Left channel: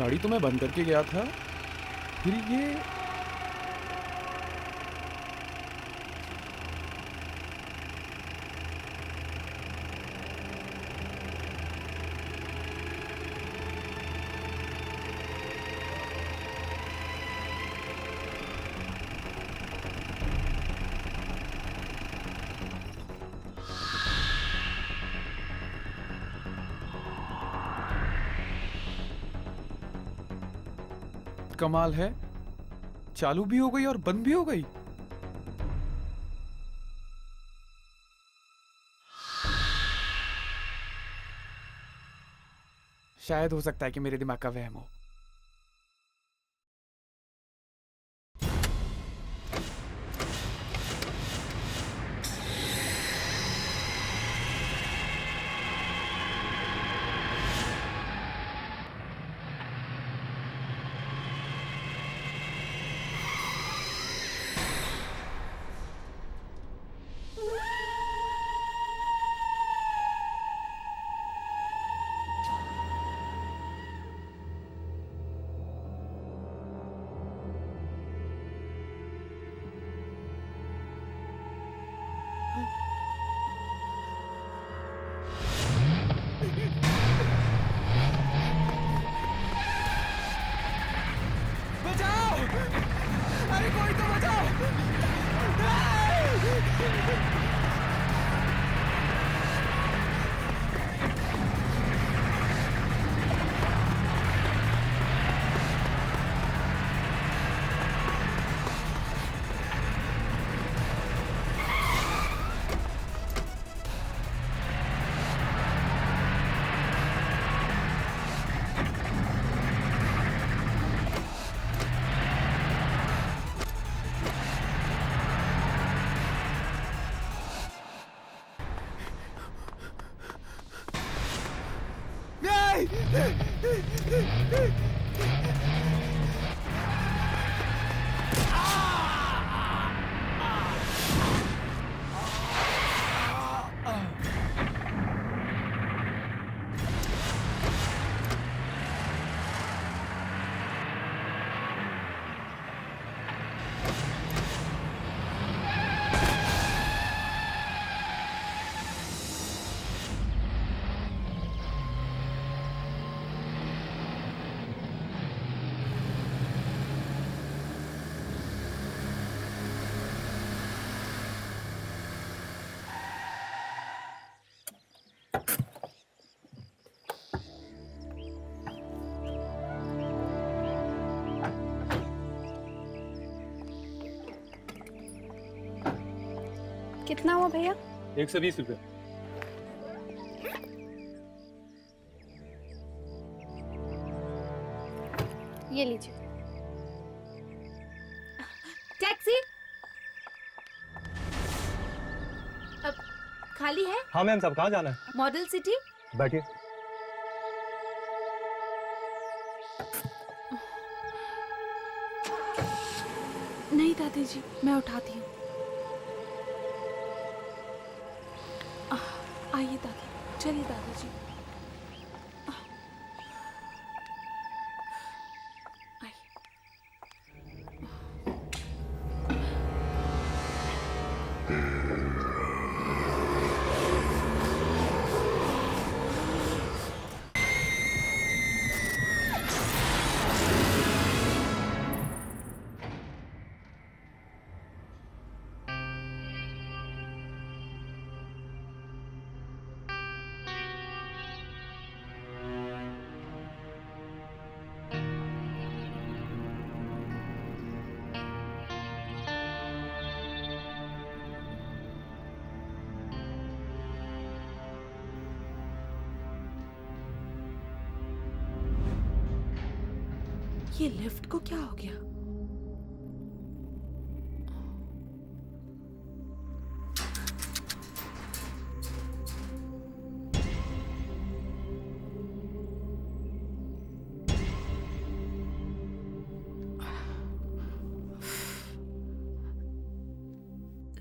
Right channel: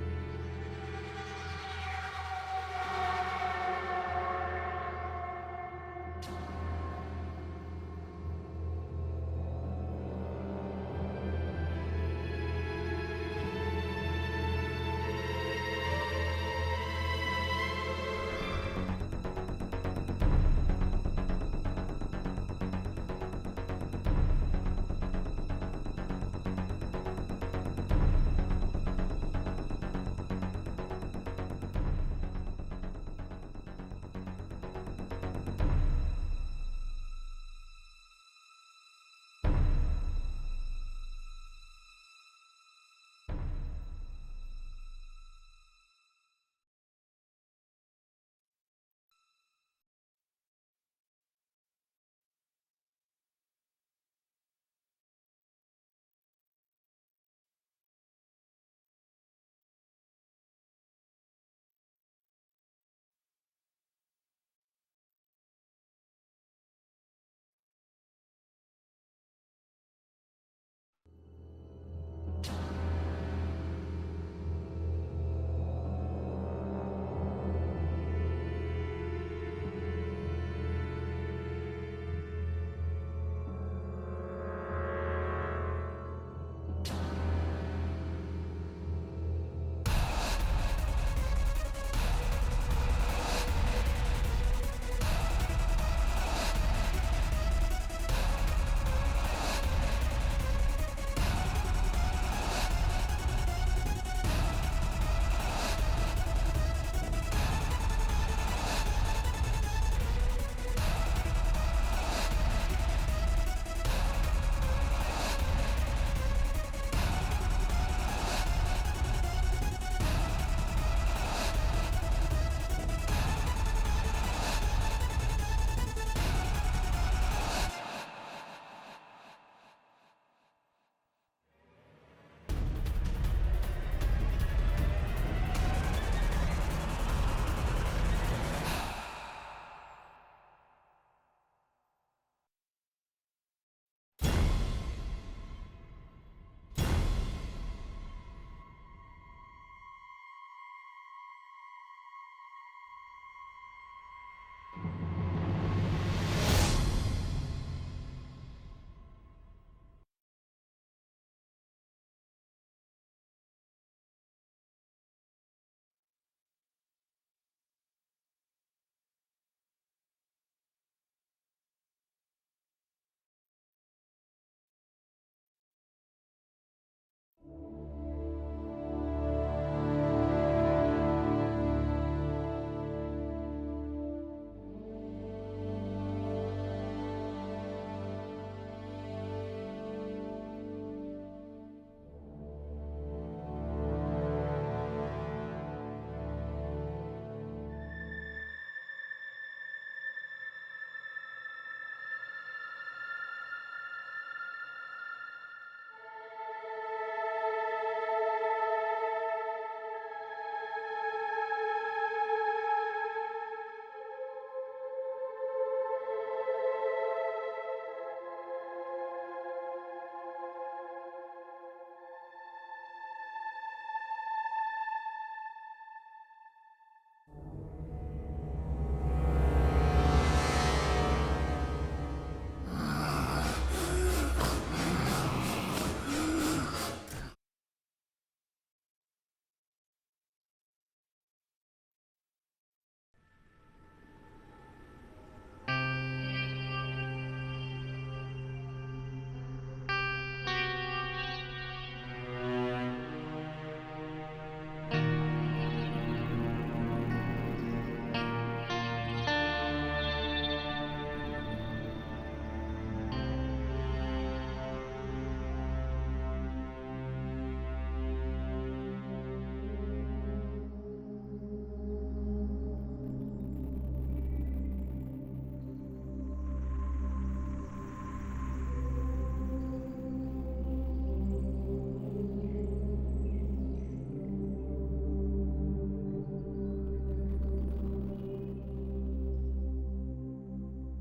गाड़ी तो मैं बंद करके गया था, फिर ये कमाल है, चालू भी हो गई और बंद भी हो गई। शायद हो सकता है कि मेरे दिमाग का वहम हो। कितना हुआ भैया? 120 रुपये। ये लीजिए। टैक्सी अब खाली है? हाँ मैम साहब, कहाँ जाना है? Model city. बैठिए। नहीं दादी जी, मैं उठाती हूँ। आइए दादी, चलिए दादी जी। ये लिफ्ट को क्या हो गया?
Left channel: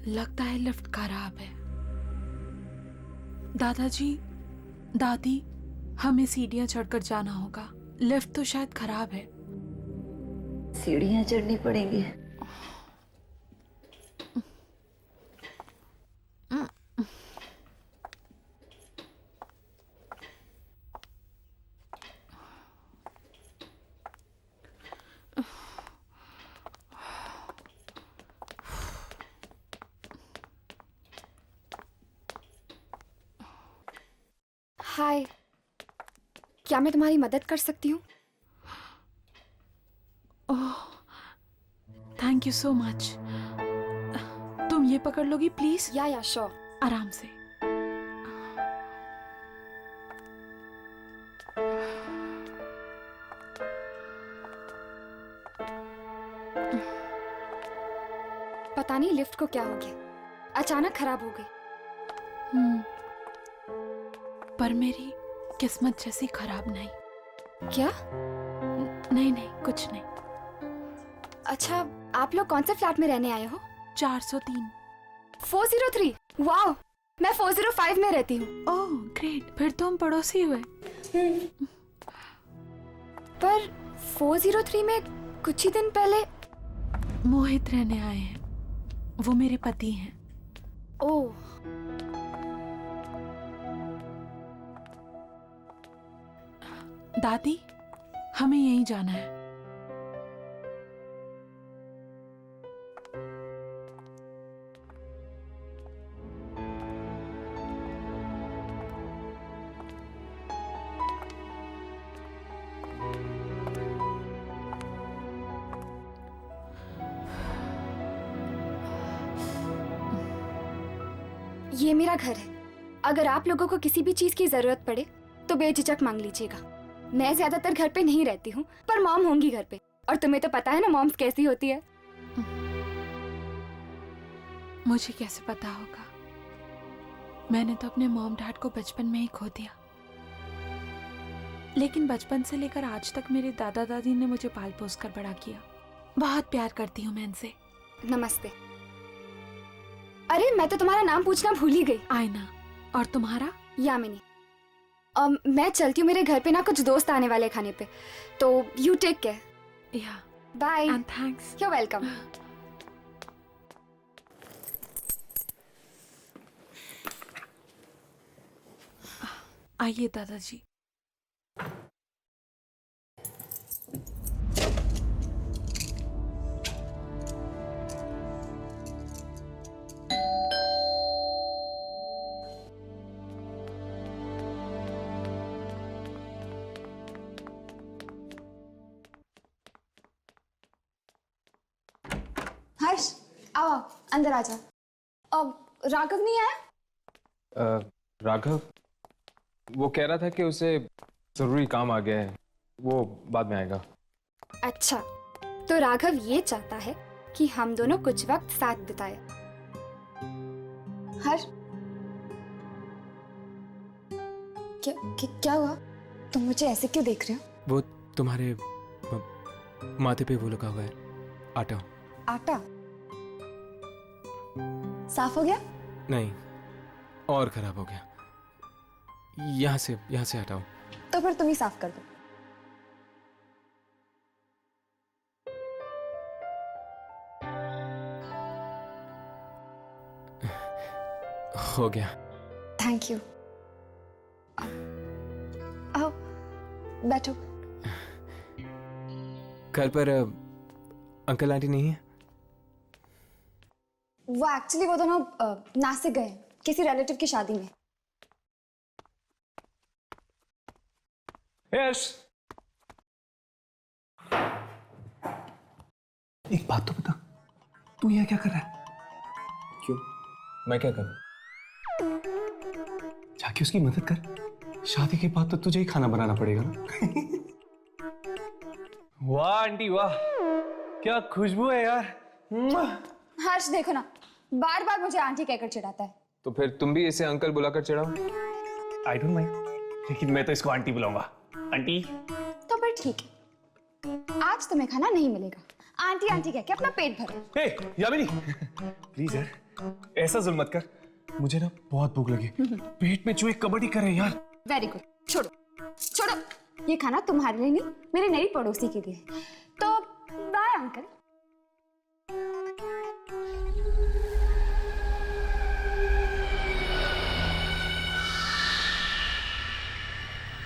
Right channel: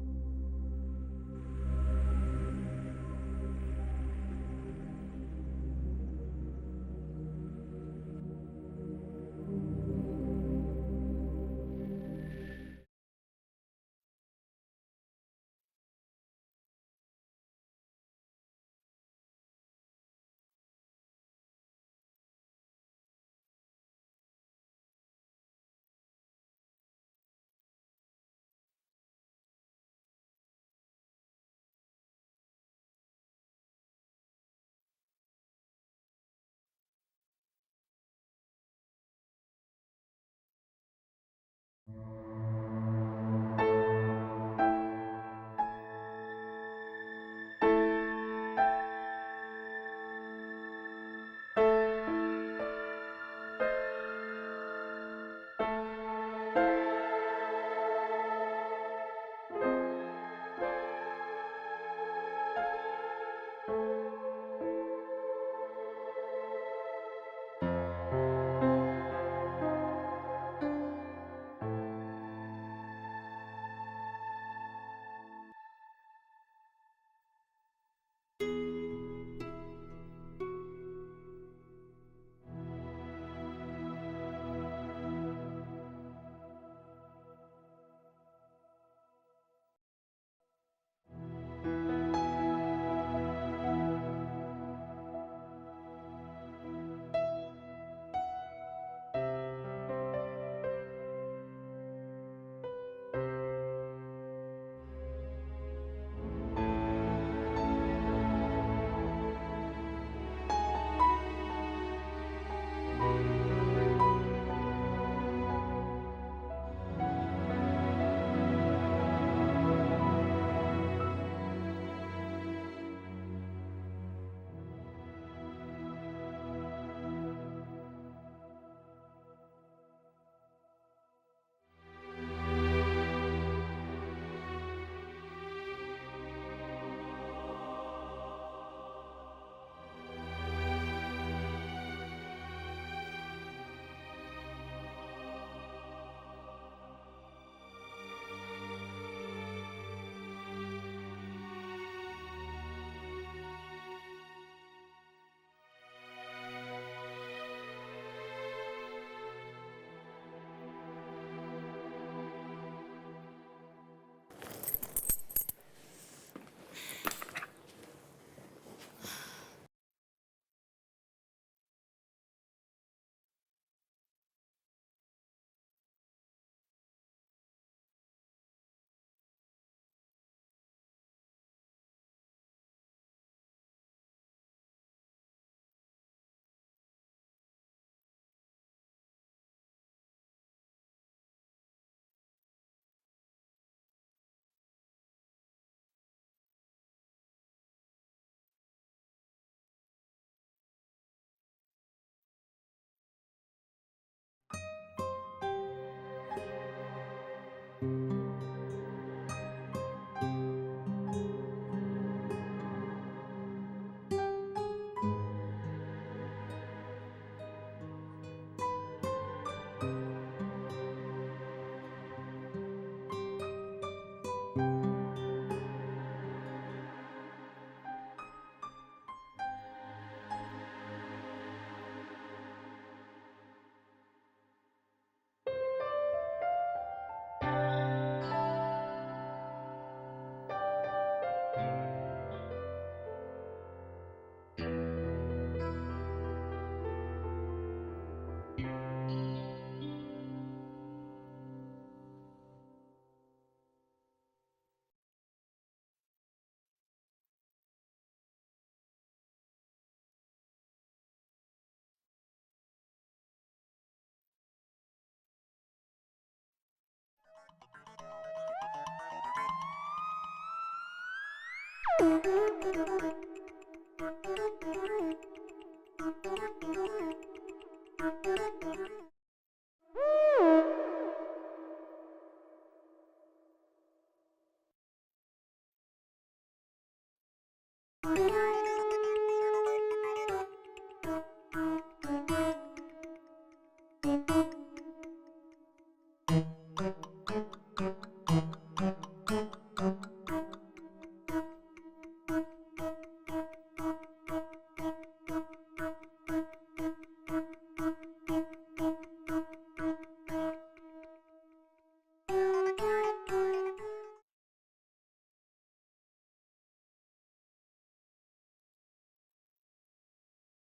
लगता है लिफ्ट खराब है। दादाजी, दादी, हमें सीढ़ियां चढ़कर जाना होगा। लिफ्ट तो शायद खराब है। सीढ़ियाँ चढ़नी पड़ेंगी। हाय, क्या मैं तुम्हारी मदद कर सकती हूँ? ओह, थैंक यू सो मच। तुम ये पकड़ लोगी प्लीज? या श्योर। आराम से। पता नहीं लिफ्ट को क्या हो गया, अचानक खराब हो गई। पर मेरी किस्मत जैसी खराब नहीं। क्या? नहीं नहीं, कुछ नहीं। अच्छा, आप लोग कौन से फ्लैट में रहने आए हो? 403। 403। वाओ, मैं 405 में रहती हूँ। ओह ग्रेट, फिर तो हम पड़ोसी हुए। पर 403 में कुछ ही दिन पहले मोहित रहने आए हैं, वो मेरे पति हैं। ओह, दादी, हमें यहीं जाना है। ये मेरा घर है। अगर आप लोगों को किसी भी चीज की जरूरत पड़े तो बेझिझक मांग लीजिएगा। मैं ज्यादातर घर पे नहीं रहती हूँ, पर मॉम होंगी घर पे, और तुम्हें तो पता है ना मॉम्स कैसी होती है। मुझे कैसे पता होगा? मैंने तो अपने मॉम डैड को बचपन में ही खो दिया, लेकिन बचपन से लेकर आज तक मेरे दादा दादी ने मुझे पाल पोस कर बड़ा किया। बहुत प्यार करती हूँ मैं इनसे। नमस्ते। अरे, मैं तो तुम्हारा नाम पूछना भूल ही गई। आयना। और तुम्हारा? यामिनी। मैं चलती हूँ, मेरे घर पे ना कुछ दोस्त आने वाले खाने पे, तो you take care. Yeah, bye. And thanks. You welcome. आइए दादाजी। हर्ष, आओ अंदर आ जा। अब राघव नहीं आया? राघव, वो कह रहा था कि उसे जरूरी काम आ गया है, वो बाद में आएगा। अच्छा, तो राघव ये चाहता है कि हम दोनों कुछ वक्त साथ बिताए। हर्ष, क्या हुआ? तुम मुझे ऐसे क्यों देख रहे हो? वो तुम्हारे माथे पे वो लगा हुआ है आटा। आटा साफ हो गया? नहीं, और खराब हो गया। यहाँ से हटाओ। तो फिर तुम ही साफ कर दो। हो गया। Thank you. आओ, बैठो। घर पर अंकल आंटी नहीं है? वो एक्चुअली वो दोनों नासिक गए हैं किसी रिलेटिव की शादी में। यश, एक बात तो बता, तू यहाँ क्या कर रहा है? क्यों? मैं क्या करूं? जाके उसकी मदद कर। शादी के बाद तो तुझे ही खाना बनाना पड़ेगा ना। वाह आंटी वाह, क्या खुशबू है यार। हर्ष देखो ना, बार बार मुझे आंटी कहकर चिढ़ाता है। तो फिर तुम भी इसे अंकल बुलाकर चिढ़ाओ। आई डोंट माइंड, लेकिन मैं तो इसको आंटी बुलाऊंगा। आंटी। तो फिर ठीक है, आज तुम्हें खाना नहीं मिलेगा। आंटी आंटी कह के अपना पेट भरो। हे यामिनी, प्लीज यार ऐसा जुल्म मत कर, मुझे ना बहुत भूख लगी। पेट में चूहे कबड्डी कर रहे हैं यार। वेरी गुड, छोड़ो छोड़ो। ये खाना तुम्हारे लिए नहीं, मेरे नई पड़ोसी के लिए। तो बाय अंकल।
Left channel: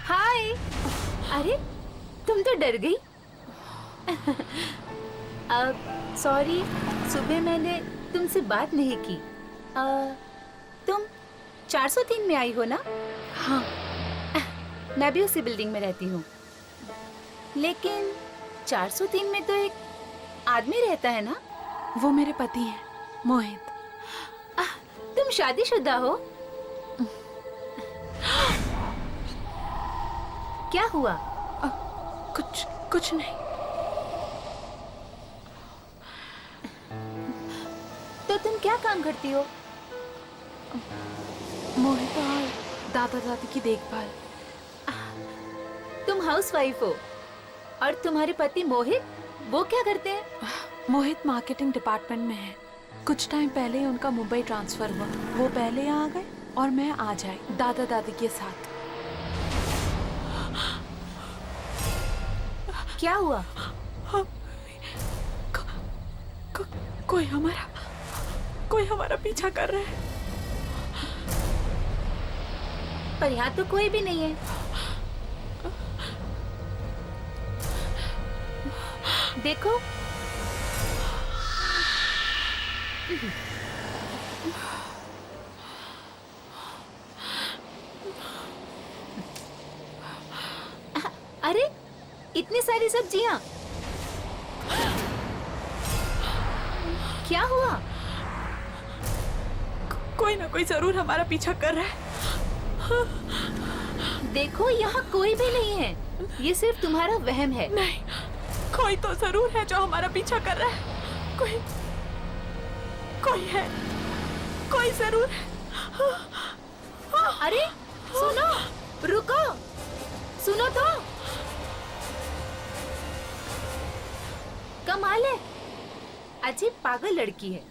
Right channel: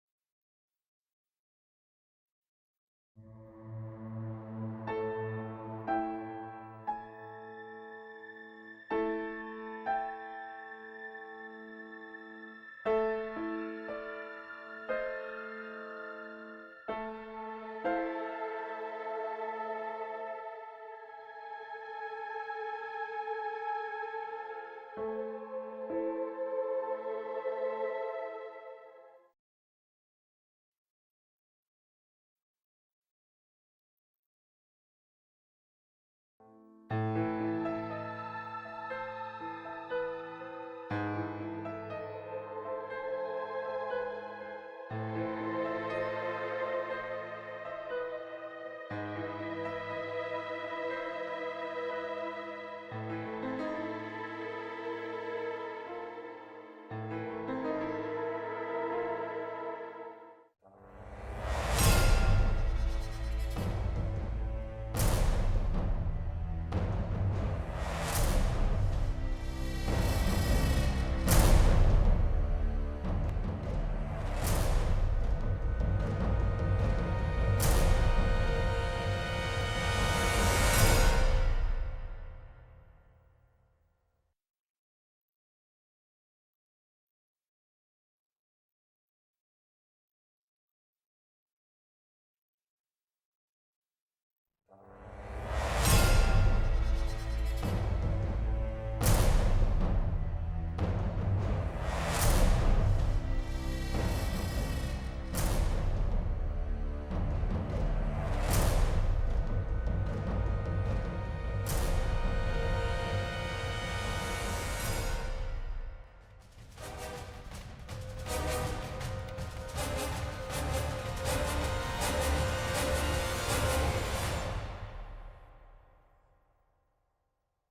हाय। अरे तुम तो डर गई। सॉरी, सुबह मैंने तुमसे बात नहीं की। तुम 403 में आई हो ना? हाँ। मैं भी उसी बिल्डिंग में रहती हूँ। लेकिन 403 में तो एक आदमी रहता है ना? वो मेरे पति हैं, मोहित। तुम शादीशुदा हो? क्या हुआ? कुछ नहीं। तो तुम क्या काम करती हो? मोहित और दादा दादी की देखभाल। तुम हाउसवाइफ हो और तुम्हारे पति मोहित, वो क्या करते हैं? मोहित मार्केटिंग डिपार्टमेंट में है। कुछ टाइम पहले ही उनका मुंबई ट्रांसफर हुआ। वो पहले आ गए और मैं आ जाए दादा दादी के साथ। क्या हुआ? कोई हमारा पीछा कर रहा है। पर यहाँ तो कोई भी नहीं है। देखो, अरे इतनी सारी सब्जियां, क्या हुआ? कोई ना कोई जरूर हमारा पीछा कर रहा है। देखो, यहाँ कोई भी नहीं है। ये सिर्फ तुम्हारा वहम है। नहीं, कोई तो जरूर है जो हमारा पीछा कर रहा है। कोई है, कोई जरूर है। अरे सुनो, रुको, सुनो तो। कमाल है, अजीब पागल लड़की है।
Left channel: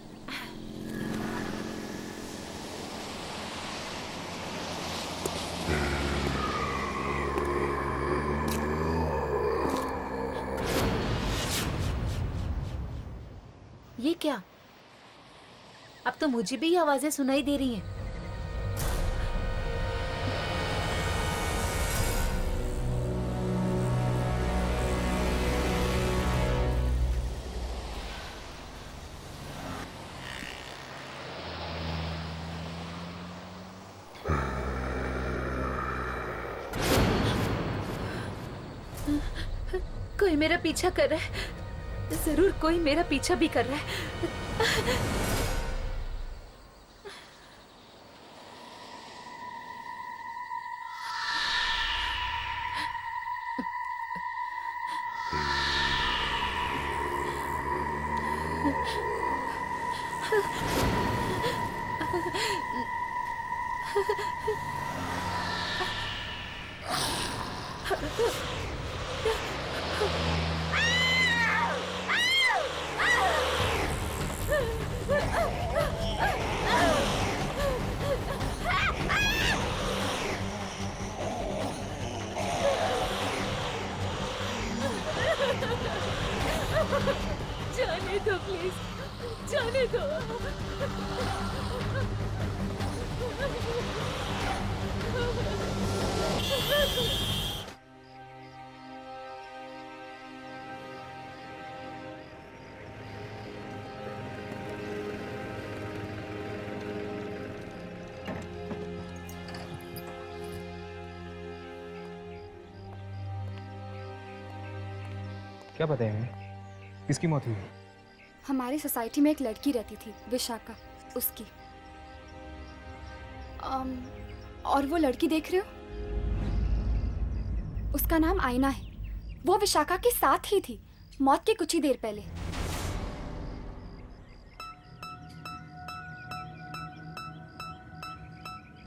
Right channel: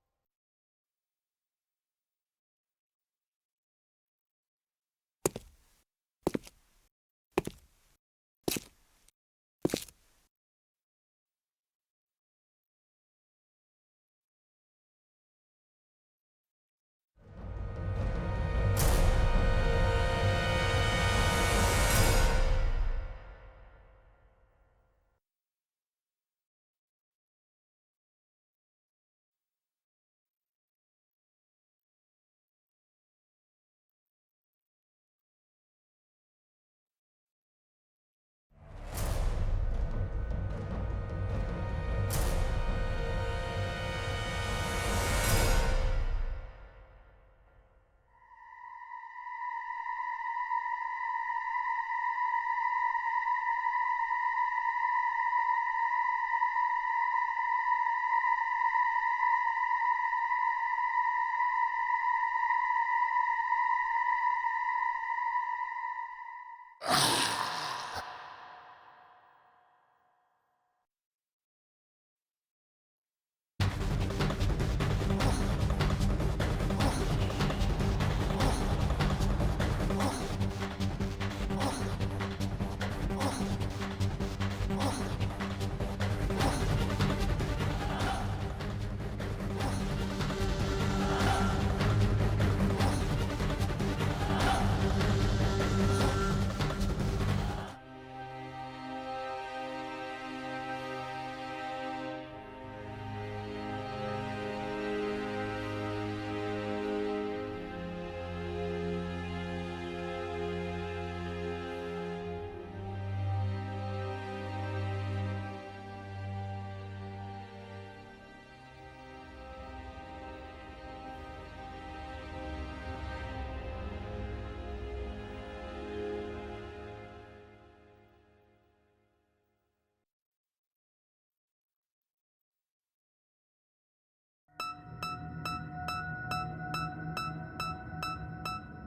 ये क्या? अब तो मुझे भी ये आवाजें सुनाई दे रही हैं। कोई मेरा पीछा कर रहा है। जरूर कोई मेरा पीछा भी कर रहा है। जाने दो प्लीज, जाने दो। क्या पता है किसकी मौत हुई? हमारी सोसाइटी में एक लड़की रहती थी, विशाखा, उसकी। और वो लड़की देख रहे हो, उसका नाम आईना है। वो विशाखा के साथ ही थी मौत के कुछ ही देर पहले।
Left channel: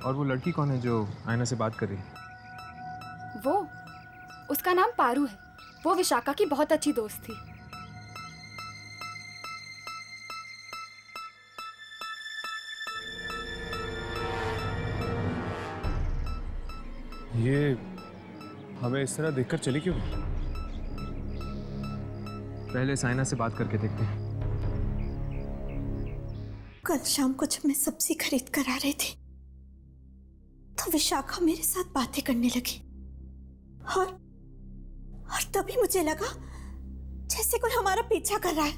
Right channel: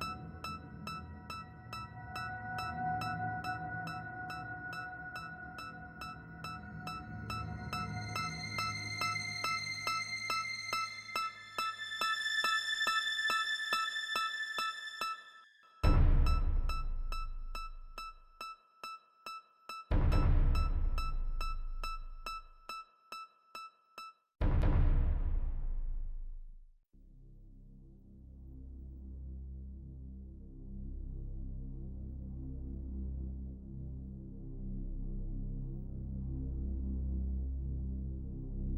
और वो लड़की कौन है जो आयना से बात कर रही है? वो, उसका नाम पारू है। वो विशाखा की बहुत अच्छी दोस्त थी। ये हमें इस तरह देखकर चली क्यों? पहले साइना से बात करके देखते हैं। कल शाम को जब मैं सब्जी खरीद कर आ रही थी तो विशाखा मेरे साथ बातें करने लगी और तभी मुझे लगा जैसे कोई हमारा पीछा कर रहा है,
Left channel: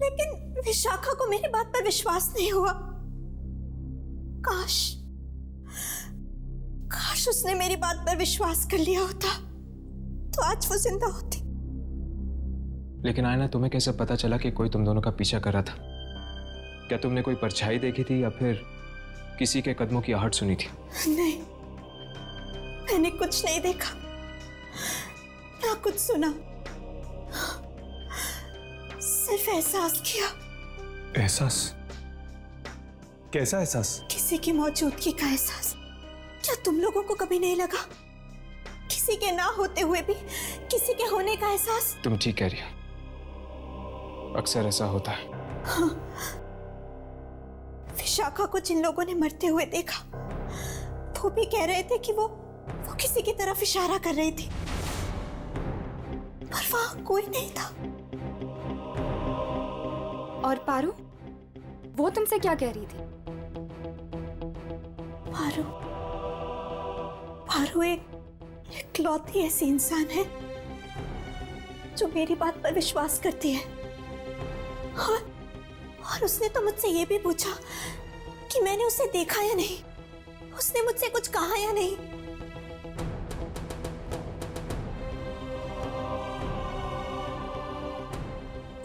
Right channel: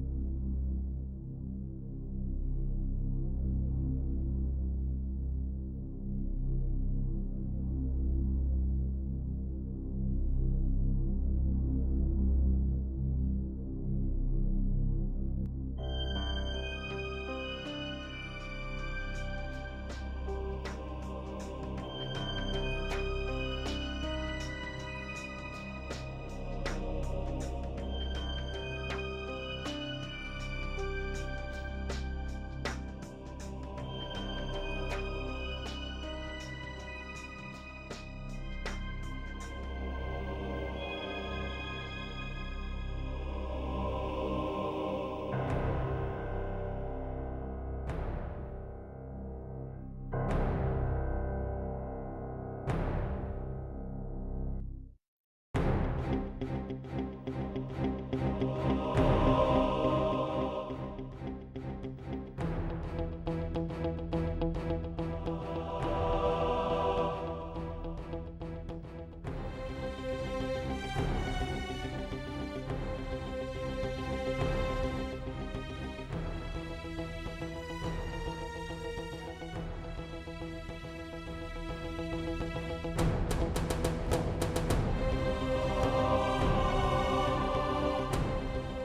लेकिन विशाखा को मेरी बात पर विश्वास नहीं हुआ। काश उसने मेरी बात पर विश्वास कर लिया होता तो आज वो जिंदा होती। लेकिन आयना, तुम्हें कैसे पता चला कि कोई तुम दोनों का पीछा कर रहा था? क्या तुमने कोई परछाई देखी थी या फिर किसी के कदमों की आहट सुनी थी? नहीं, मैंने कुछ नहीं देखा ना कुछ सुना, सिर्फ एहसास किया। एहसास? कैसा एहसास? किसी की मौजूदगी का एहसास। क्या तुम लोगों को कभी नहीं लगा? किसी के ना होते हुए भी किसी के होने का एहसास। तुम ठीक कह रही हो, अक्सर ऐसा होता है। हाँ। विशाखा को जिन लोगों ने मरते हुए देखा वो भी कह रहे थे कि वो किसी की तरफ इशारा कर रही थी, पर वहां कोई नहीं था। और पारू, वो तुमसे क्या कह रही थी? पारू एक लौती ऐसी इंसान है जो मेरी बात पर विश्वास करती है, और उसने तो मुझसे ये भी पूछा कि मैंने उसे देखा या नहीं, उसने मुझसे कुछ कहा या नहीं।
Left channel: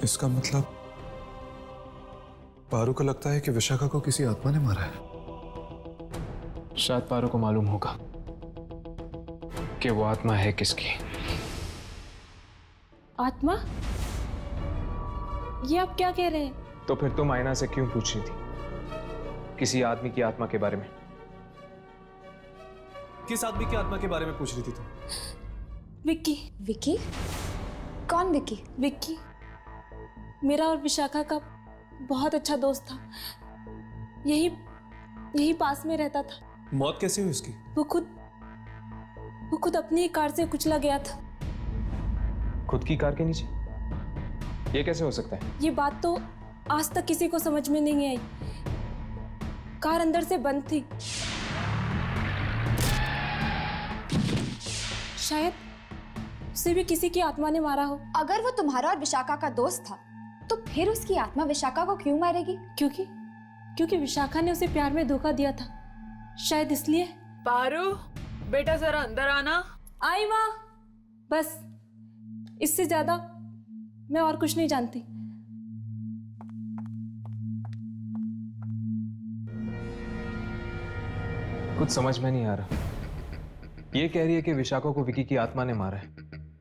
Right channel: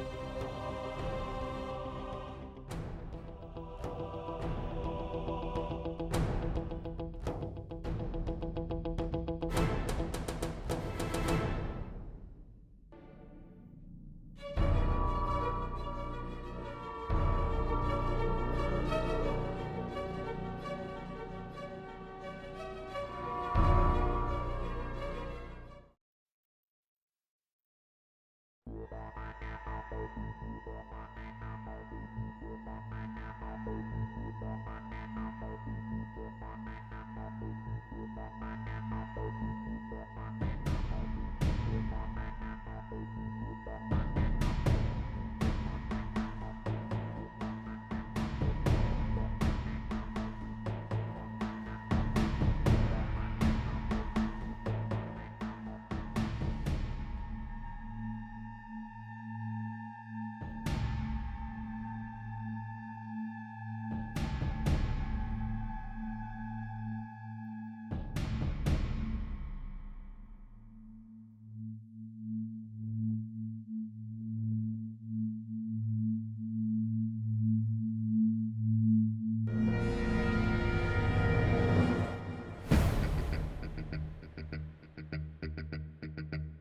इसका मतलब पारू को लगता है कि विशाखा को किसी आत्मा ने मारा है। शायद पारू को मालूम होगा कि वो आत्मा है किसकी। आत्मा? ये आप क्या कह रहे हैं? तो फिर तुम आयना से क्यों पूछ रही थी किसी आदमी की आत्मा के बारे में? किस आदमी की आत्मा के बारे में पूछ रही थी तुम? विक्की। विक्की? कौन विक्की? विक्की मेरा और विशाखा का बहुत अच्छा दोस्त था, यही पास में रहता था। मौत कैसे हुई उसकी? वो खुद अपनी ही कार से कुचला गया था। खुद की कार के नीचे? ये कैसे हो सकता है? ये बात तो आज तक किसी को समझ में नहीं आई। कार अंदर से बंद थी। शायद उसे भी किसी की आत्मा ने मारा हो। अगर वो तुम्हारा और विशाखा का दोस्त था तो फिर उसकी आत्मा विशाखा को क्यों मारेगी? क्योंकि विशाखा ने उसे प्यार में धोखा दिया था, शायद इसलिए। पारू, बेटा जरा अंदर आना। आई माँ। बस इससे ज्यादा मैं और कुछ नहीं जानती। कुछ समझ में नहीं आ रहा। ये कह रही है कि विशाखा को विकी की आत्मा ने मारा है,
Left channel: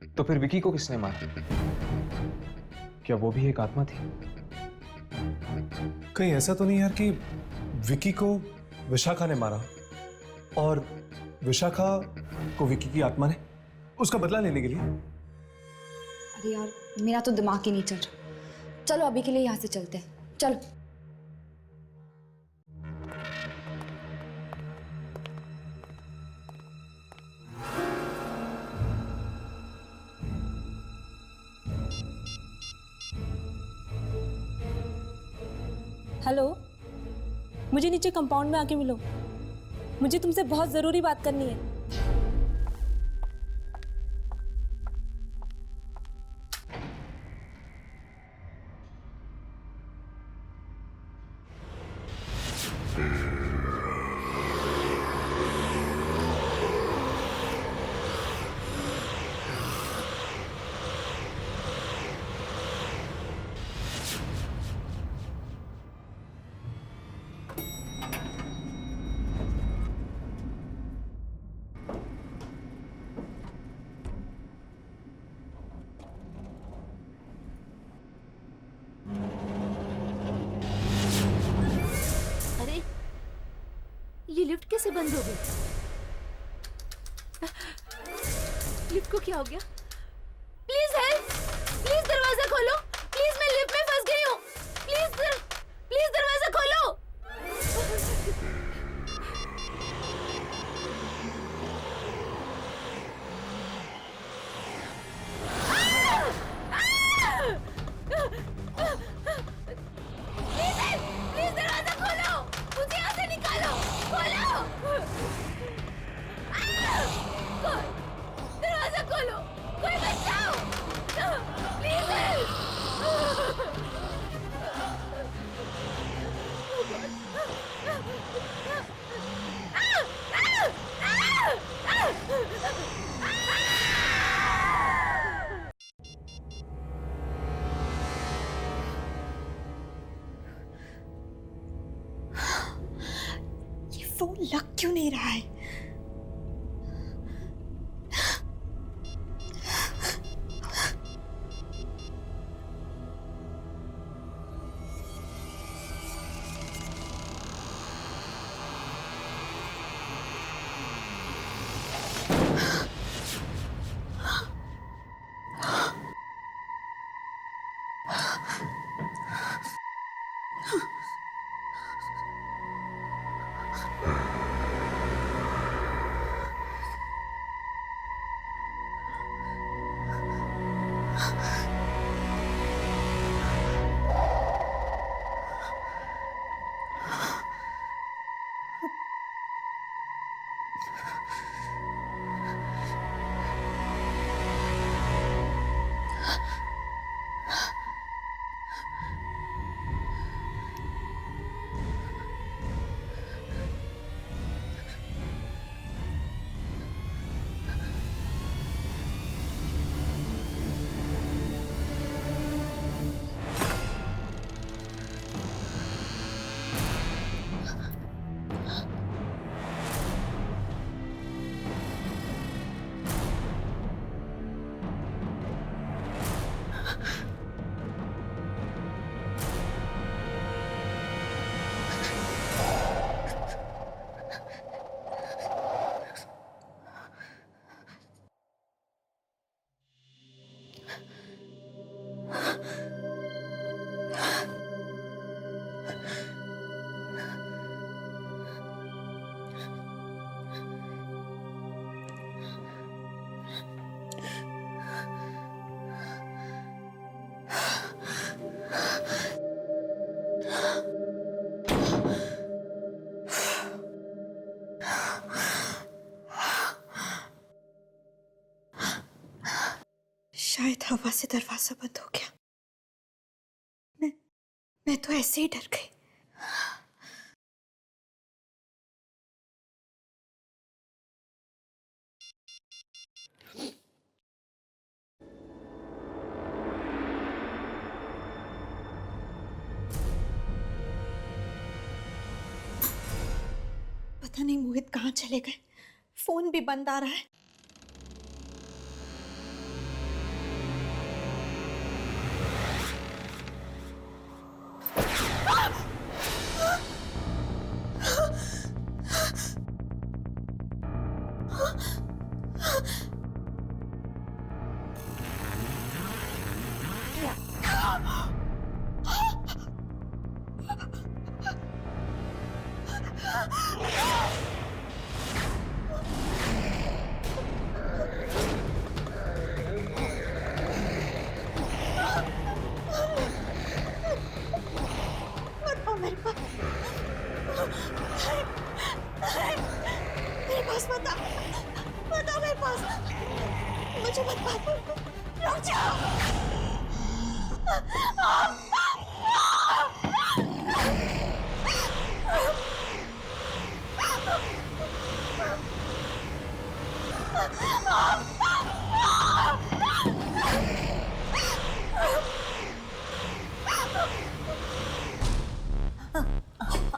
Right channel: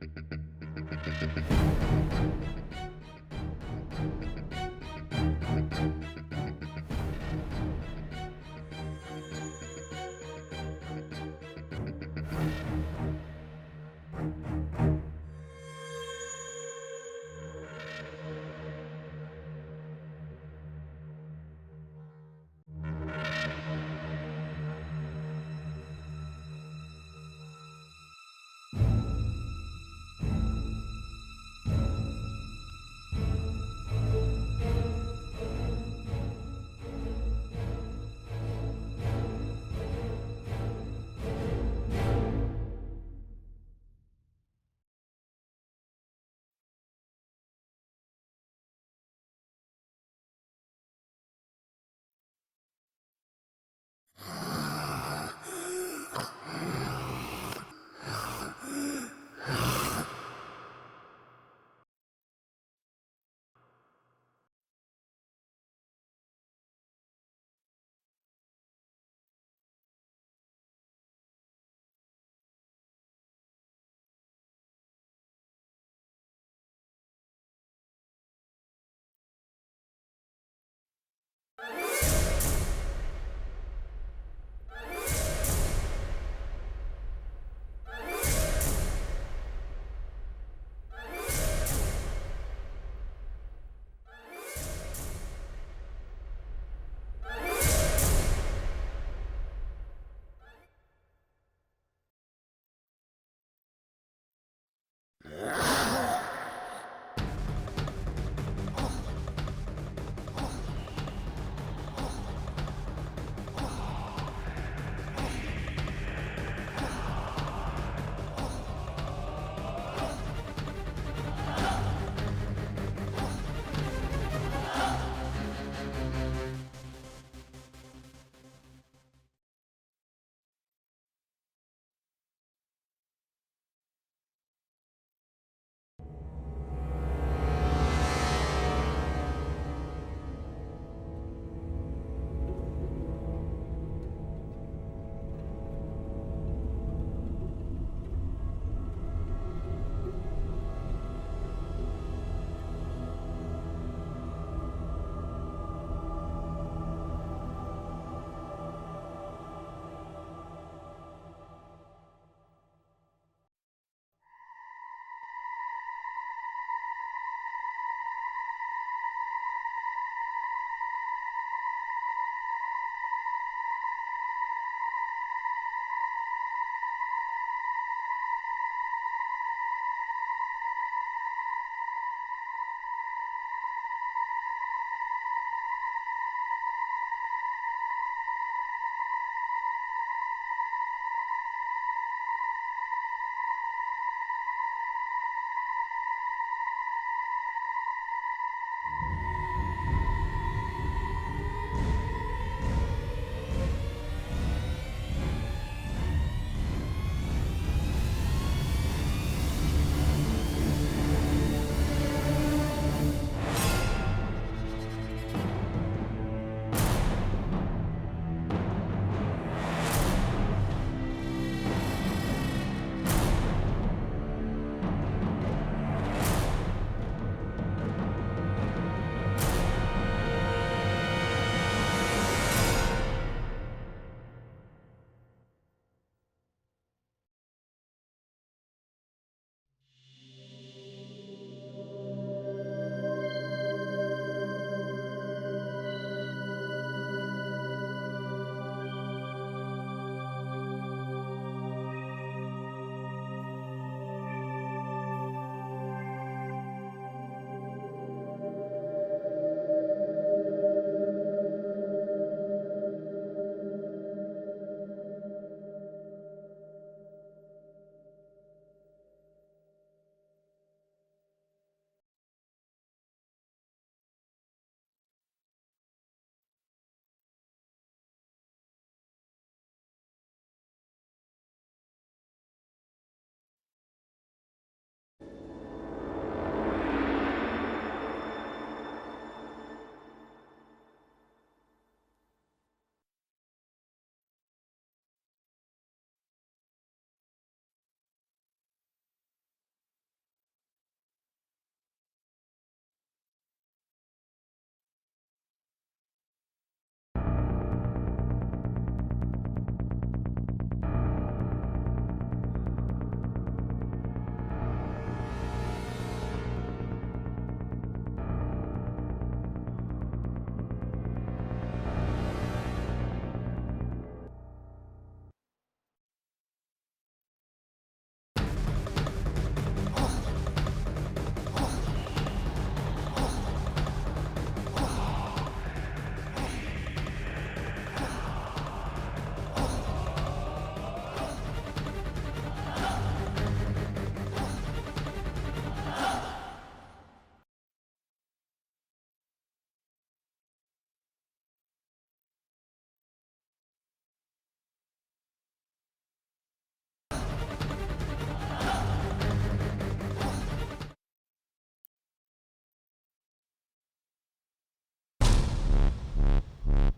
तो फिर विकी को किसने मारा? क्या वो भी एक आत्मा थी? कहीं ऐसा तो नहीं यार कि विकी को विशाखा ने मारा और विशाखा को विकी की आत्मा ने उसका बदला लेने के लिए? अरे यार, मेरा तो दिमाग ही नहीं चल रहा। चलो अभी के लिए यहाँ से चलते हैं, चलो। हेलो, मुझे नीचे कंपाउंड में आके मिलो। मुझे तुमसे बहुत जरूरी बात करनी है। ये लिफ्ट कैसे बंद हो गई? लिफ्ट को क्या हो गया? Please help! प्लीज दरवाजा खोलो! प्लीज मैं लिफ्ट में फंस गई हूँ! प्लीज दरवाजा खोलो! नहीं रहा है। शायद हवा से दरवाजा बंद हो गया। मैं तो ऐसे ही डर गई। पता नहीं मोहित कहाँ चले गए। फोन भी बंद आ रहा है।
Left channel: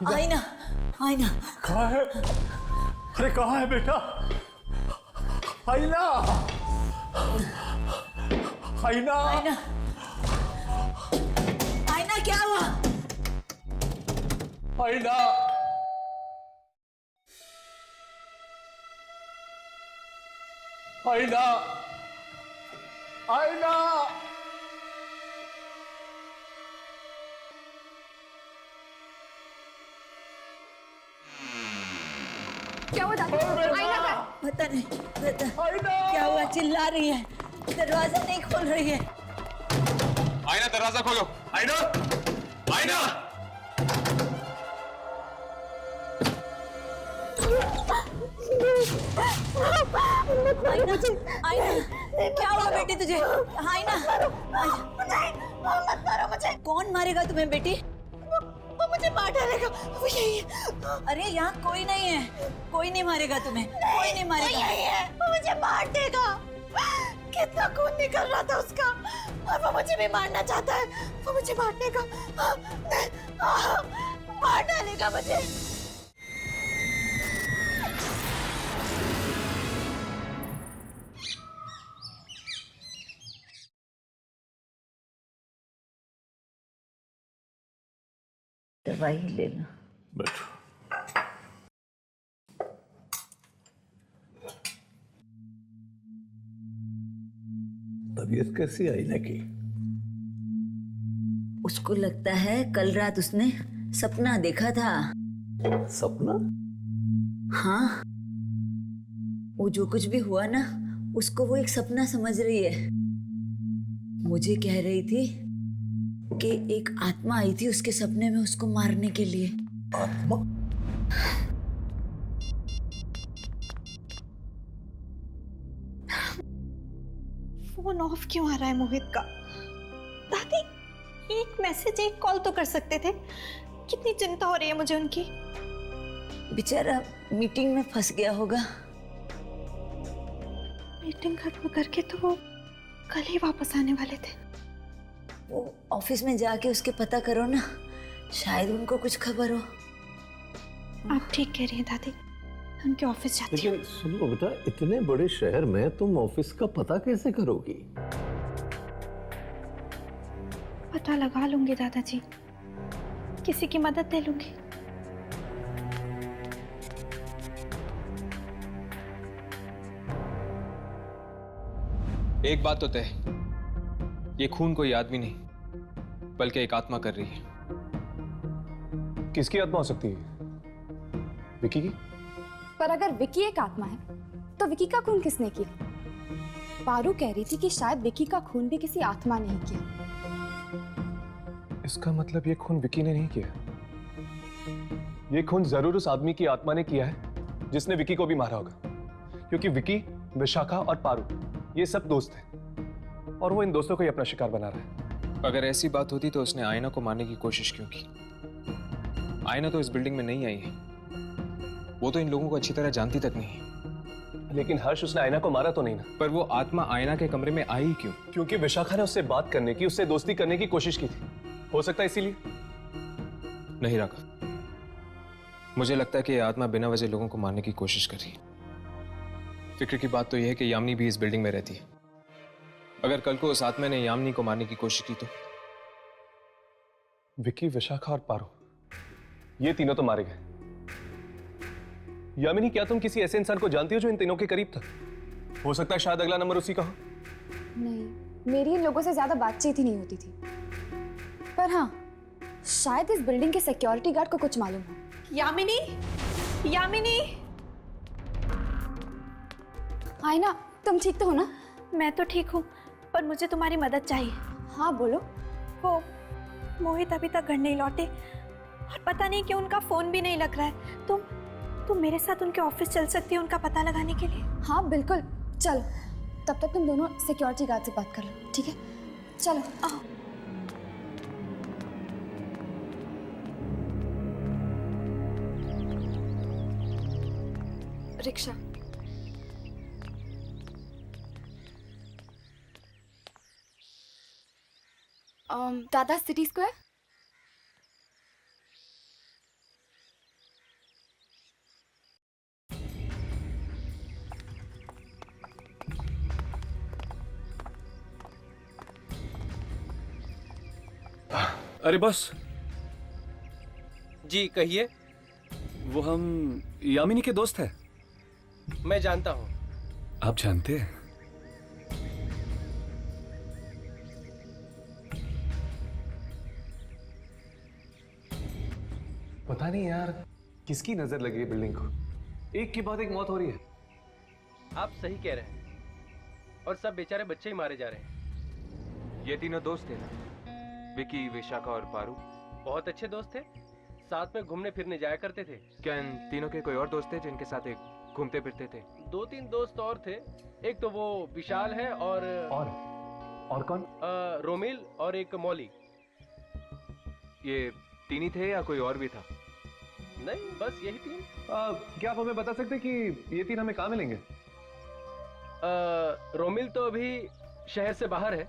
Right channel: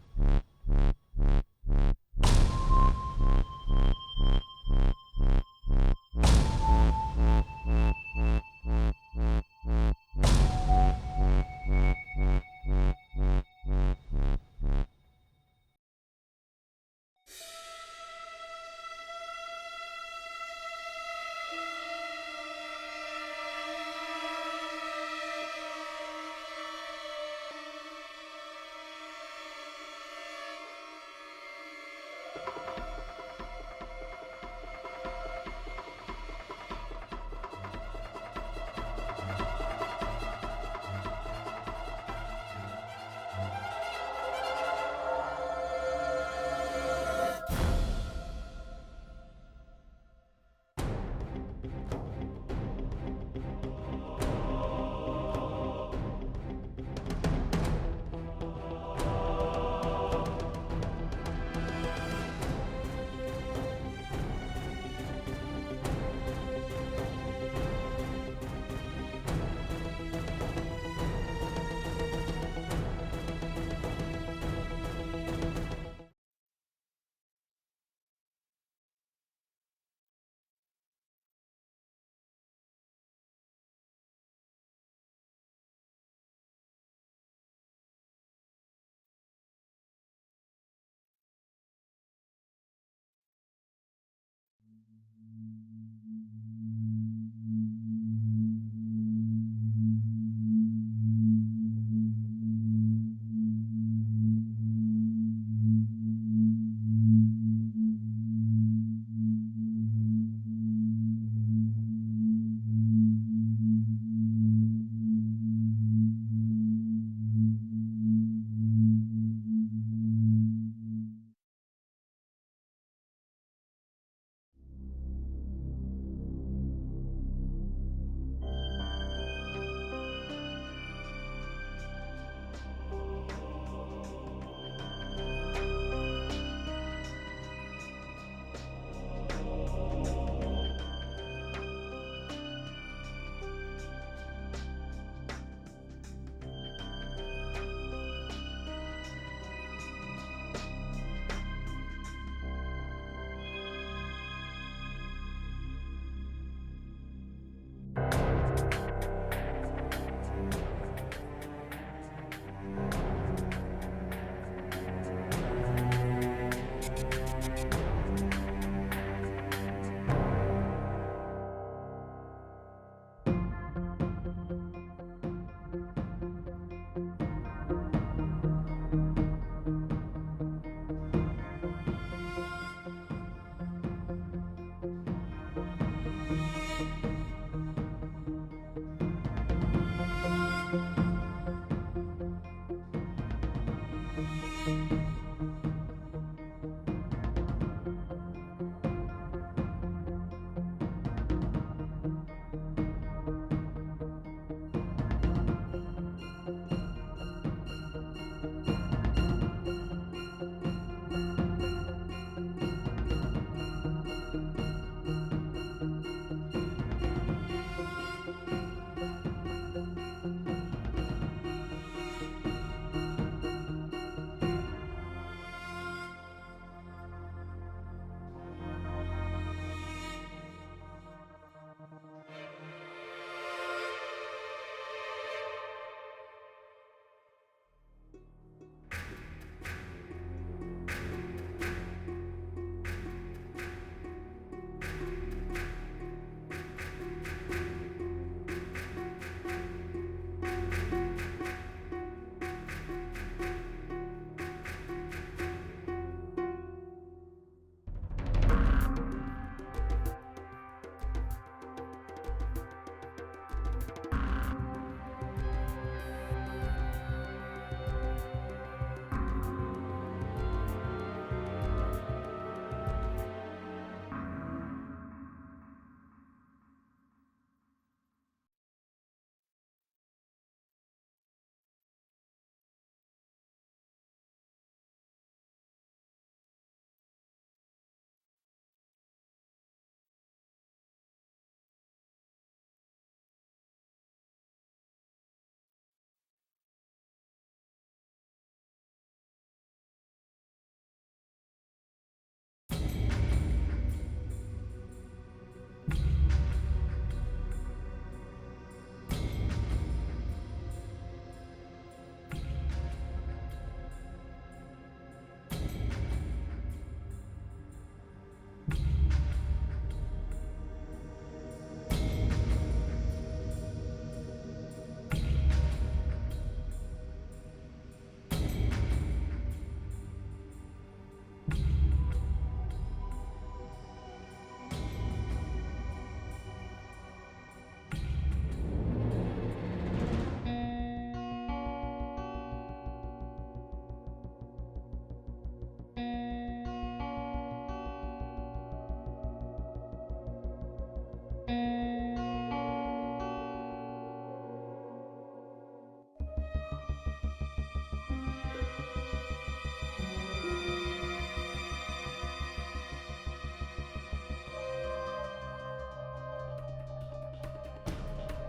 आईना, आईना कहाँ है? अरे कहाँ है बेटा? आईना, आईना, आईना, आईना क्या हुआ? आईना, आईना, आईना। क्या हुआ दादी? आईना का? पता नहीं, क्या हुआ? चिल्ला रही है, दरवाजा नहीं खोल रही है। आईना दरवाजा खोलो। आईना, आईना। आईना, आईना, क्या हुआ बेटी तुझे? आईना, मत मारो मुझे। कौन मारेगा तुम्हें बेटी? वो मुझे मार डालेगा। वो यही है। अरे यहाँ कोई नहीं है, कोई नहीं मारेगा तुम्हें, कोई नहीं मारेगा। यही है, वो मुझे मार देगा। कितना खून निकल रहा था उसका, और वो मुझे भी मारना चाहता है। वो मुझे मारने का, मार डालेगा मुझे। दवाई ले लो। बैठो। तबीयत कैसी आई ना की? उसको लगता है कल रात उसने सपना देखा था। सपना? हाँ, वो जो कुछ भी हुआ ना, उसको वो एक सपना समझ रही है। मुझे कह रही थी कि एक आत्मा आई थी उसके सपने में उसको मारने के लिए। आत्मा? फोन ऑफ क्यों आ रहा है मोहित का? दादी, एक मैसेज, एक कॉल तो कर सकते थे। कितनी चिंता हो रही है मुझे उनकी। बेचारा मीटिंग में फंस गया होगा। मीटिंग खत्म करके तो वो कल ही वापस आने वाले थे। वो ऑफिस में जाके उसके पता करो ना, शायद उनको कुछ खबर हो। आप ठीक कह रही हैं दादी, उनके ऑफिस जाती हूँ। लेकिन सुनो बेटा, इतने बड़े शहर में तुम ऑफिस का पता कैसे करोगी? पता लगा लूंगी दादाजी, किसी की मदद ले लूंगी। एक बात तो तय, ये खून कोई आदमी नहीं बल्कि एक आत्मा कर रही है। किसकी आत्मा हो सकती है? विकी की? पर अगर विकी एक आत्मा है तो विकी का खून किसने किया? पारू कह रही थी कि शायद विकी का खून भी किसी आत्मा ने किया। इसका मतलब ये खून विकी ने नहीं किया। ये खून जरूर उस आदमी की आत्मा ने किया है जिसने विकी को भी मारा होगा, क्योंकि विकी, विशाखा और पारू ये सब दोस्त हैं और वो इन दोस्तों को ही अपना शिकार बना रहा है। अगर ऐसी बात होती तो उसने आयना को मारने की कोशिश क्यों की? आयना तो इस बिल्डिंग में नहीं आई है, वो तो इन लोगों को अच्छी तरह जानती तक नहीं है। लेकिन हर्ष, उसने आयना को मारा तो नहीं ना? पर वो आत्मा आयना के कमरे में आई क्यों? क्योंकि विशाखा ने उससे बात करने की, उससे दोस्ती करने की कोशिश की थी। हो सकता है इसीलिए। नहीं राघव, मुझे लगता है कि ये आत्मा बिना वजह लोगों को मारने की कोशिश कर रही है। फिक्र की बात तो यह है कि यामिनी भी इस बिल्डिंग में रहती है। अगर कल को उस आत्मा ने यामिनी को मारने की कोशिश की तो? विकी, विशाखा और पारू, ये तीनों तो मारे गए। यामिनी, क्या तुम किसी ऐसे इंसान को जानती हो जो इन तीनों के करीब था? हो सकता है शायद अगला नंबर उसी का हो। नहीं, मेरी इन लोगों से ज्यादा बातचीत ही नहीं होती थी। पर हाँ, शायद इस बिल्डिंग के सिक्योरिटी गार्ड को कुछ मालूम है। यामिनी, यामिनी। आयना, तुम ठीक तो हो ना? मैं तो ठीक हूँ, पर मुझे तुम्हारी मदद चाहिए। हाँ बोलो। हो, मोहित अभी तक घर नहीं लौटे और पता नहीं क्यों उनका फोन भी नहीं लग रहा है। तुम मेरे साथ उनके ऑफिस चल सकती हो उनका पता लगाने के लिए? हाँ बिल्कुल, चलो। तब तक तुम दोनों सिक्योरिटी गार्ड से बात कर लो, ठीक है? चलो आओ। रिक्शा। दादा, सिटी स्क्वायर। अरे बॉस जी कहिए। वो हम यामिनी के दोस्त हैं। मैं जानता हूँ। आप जानते हैं? पता नहीं यार, किसकी नजर लगी है बिल्डिंग को। एक के बाद एक मौत हो रही है। आप सही कह रहे हैं, और सब बेचारे बच्चे ही मारे जा रहे हैं। ये तीनों दोस्त थे, विकी, विशाखा और पारू। बहुत अच्छे दोस्त थे, साथ में घूमने फिरने जाया करते थे। क्या इन तीनों के कोई और दोस्त थे जिनके साथ एक घूमते फिरते थे? 2-3 दोस्त और थे। एक तो वो विशाल है और कौन? रोमिल और एक मौली। ये तीन ही थे या कोई और भी था? नहीं, बस यही थे। क्या आप हमें बता सकते हैं कि ये तीन हमें कहाँ मिलेंगे? रोमिल तो अभी शहर से बाहर है।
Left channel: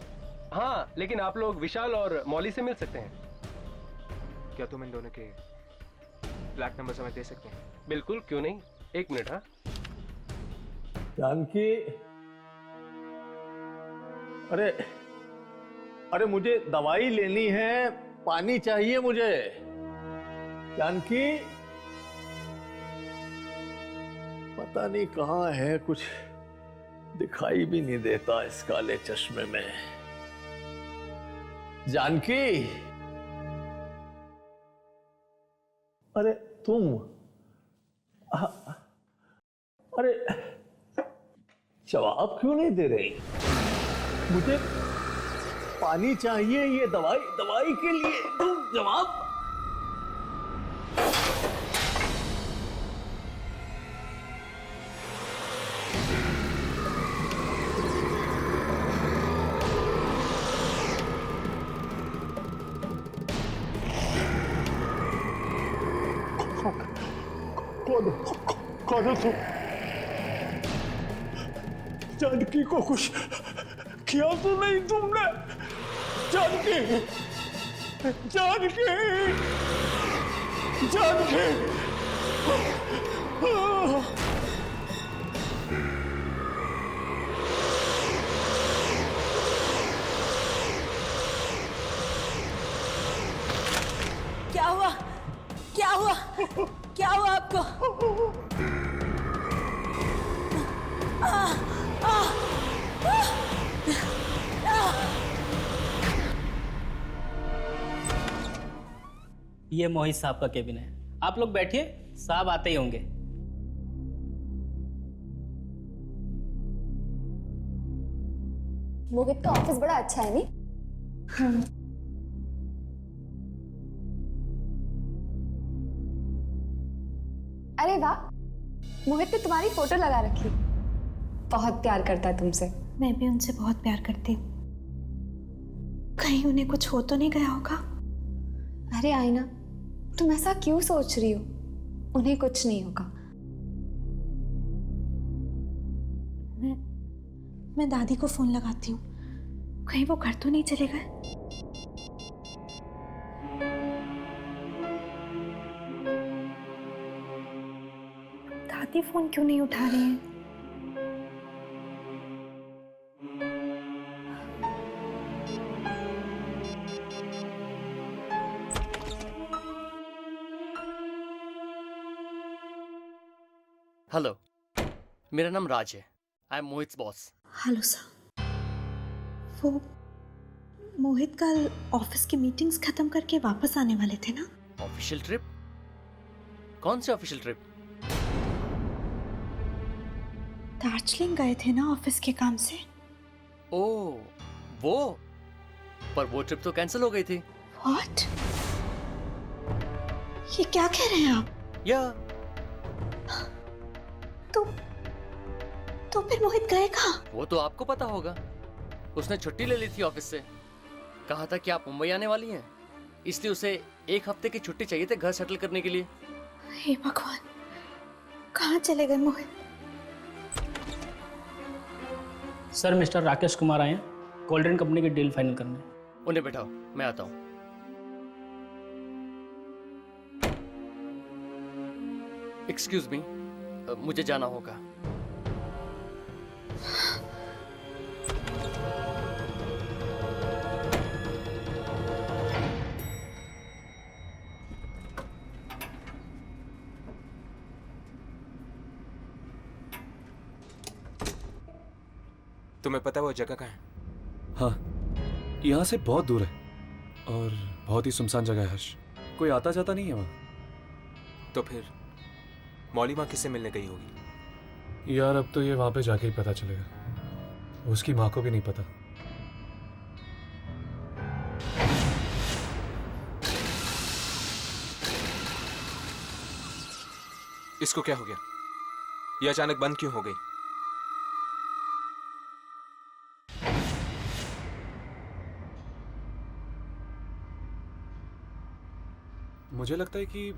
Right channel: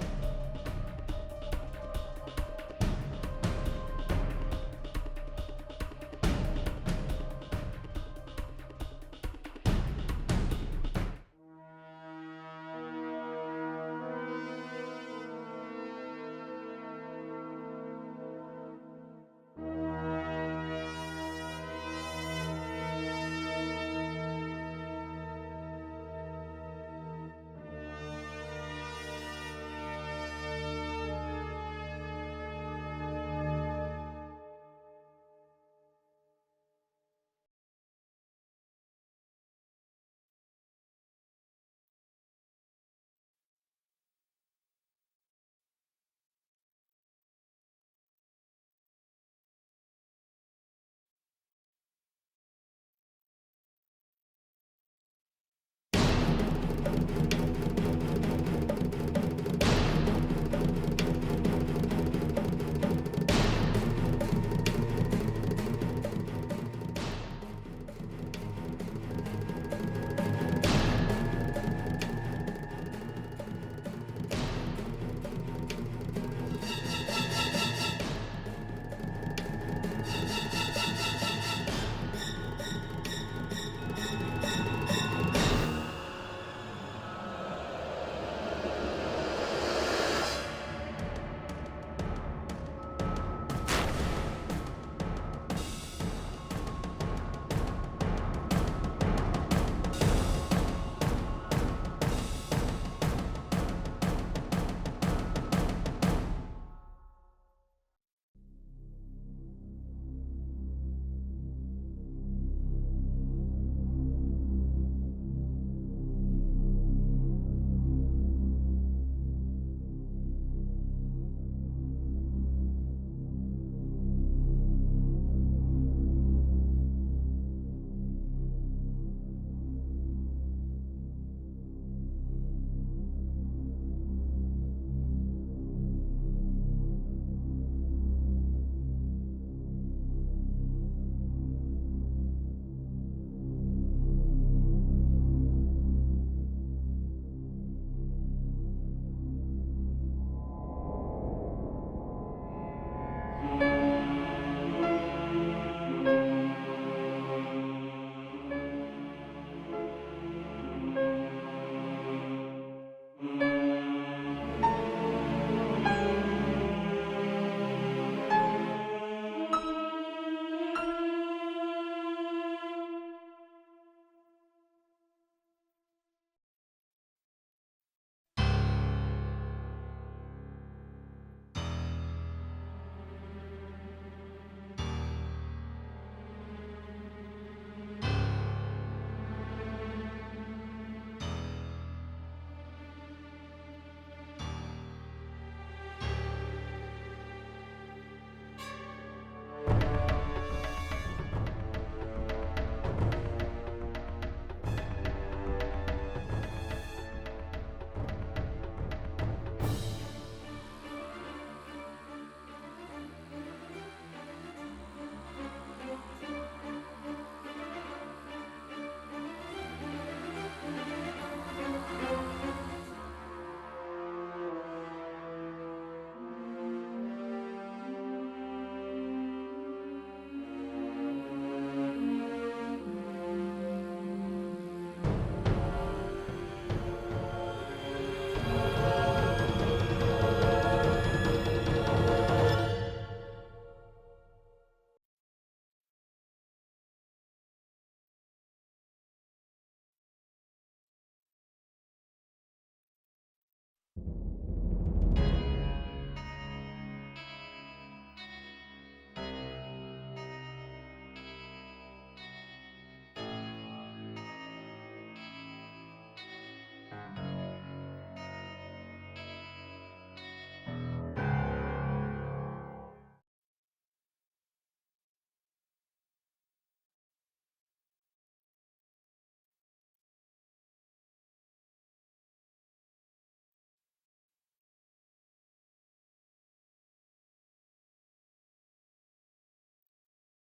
हाँ, लेकिन आप लोग विशाल और मौली से मिल सकते हैं। क्या तुम इन दोनों के फ्लैट नंबर हमें दे सकते हैं? बिल्कुल, क्यों नहीं। एक मिनट। हाँ जानकी, अरे मुझे दवाई लेनी है, पानी चाहिए मुझे। जानकी पता नहीं कहाँ है, कुछ दिखाई भी नहीं देता इस काले चश्मे में। जानकी, अरे तुम, अरे जवाब क्यों नहीं दे रही? मुझे पानी चाहिए, ये दवाई के लिए, तुम जवाब। कौन हो तुम? जानकी को कुछ किया तो नहीं तुमने? जानकी, जानकी, जानकी। क्या हुआ? क्या हुआ? क्या हुआ आपको? ये मोहित साहब का केबिन है, आप लोग बैठिए, साहब आते ही होंगे। मोहित का ऑफिस बड़ा अच्छा है नहीं? अरे वाह, मोहित ने तुम्हारी फोटो लगा रखी। बहुत प्यार करता है तुमसे। मैं भी उनसे बहुत प्यार करती हूँ। कहीं उन्हें कुछ हो तो नहीं गया होगा? अरे आईना, तुम ऐसा क्यों सोच रही हो? उन्हें कुछ नहीं होगा। मैं दादी को फोन लगाती हूँ, कहीं वो घर तो नहीं चले गए। दादी फोन क्यों नहीं उठा रही है? हेलो, मेरा नाम राज है। I am Mohit boss. Hello sir. वो मोहित कल ऑफिस की मीटिंग्स खत्म करके वापस आने वाले थे ना? Official trip? कौन सी ऑफिशियल ट्रिप? दार्जिलिंग गए थे ना ऑफिस के काम से। ओह, वो? पर वो ट्रिप तो कैंसिल हो गई थी। व्हाट? ये क्या कह रहे हैं आप? या तो फिर मोहित गए कहाँ? वो तो आपको पता होगा। उसने छुट्टी ले ली थी ऑफिस से। कहा था कि आप मुंबई आने वाली हैं, इसलिए उसे 1 हफ्ते की छुट्टी चाहिए थी घर सेटल करने के लिए। हे भगवान, कहाँ चले गए मोहित? सर, मिस्टर राकेश कुमार आए हैं कोल्ड ड्रिंक कंपनी की डील फाइनल करने। उन्हें बैठाओ, मैं आता हूँ। एक्सक्यूज मी, मुझे जाना होगा। तुम्हें पता है वो जगह कहाँ है? हाँ, यहाँ से बहुत दूर है और बहुत ही सुनसान जगह है हर्ष। कोई आता जाता नहीं है वहाँ। तो फिर मौली माँ किससे मिलने गई होगी? यार अब तो ये वहाँ पे जाके ही पता चलेगा। उसकी माँ को भी नहीं पता। इसको क्या हो गया? ये अचानक बंद क्यों हो गई? मुझे लगता है कि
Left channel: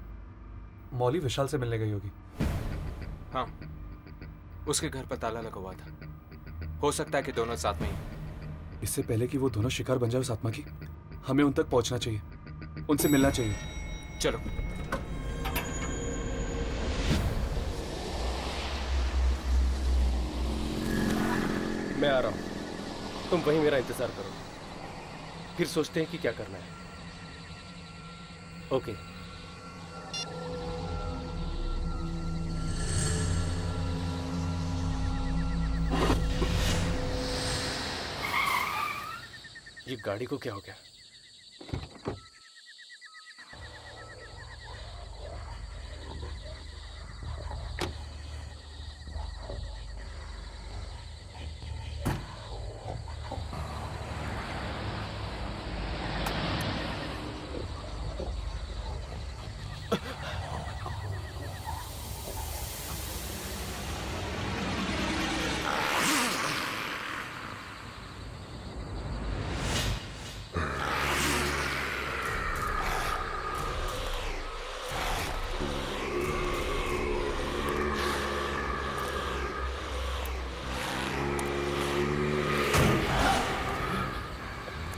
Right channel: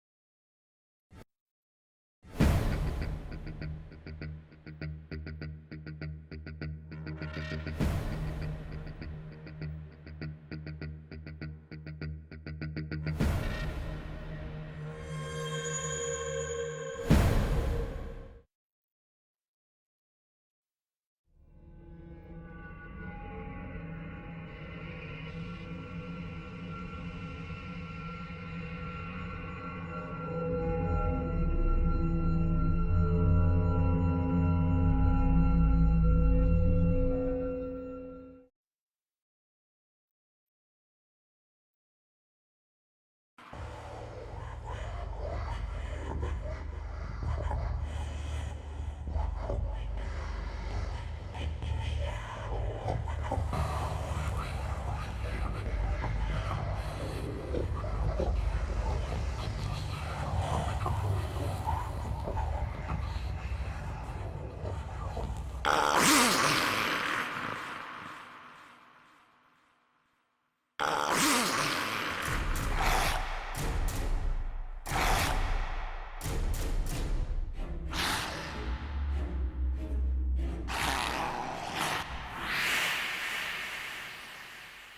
मौली विशाल से मिलने गई होगी। हाँ, उसके घर पर ताला लगा हुआ था। हो सकता है कि दोनों साथ में। इससे पहले कि वो दोनों शिकार बन जाए उस आत्मा की, हमें उन तक पहुंचना चाहिए, उनसे मिलना चाहिए। चलो। मैं आ रहा हूं, तुम वहीं मेरा इंतजार करो, फिर सोचते हैं कि क्या करना है। ओके। ये गाड़ी को क्या हो गया?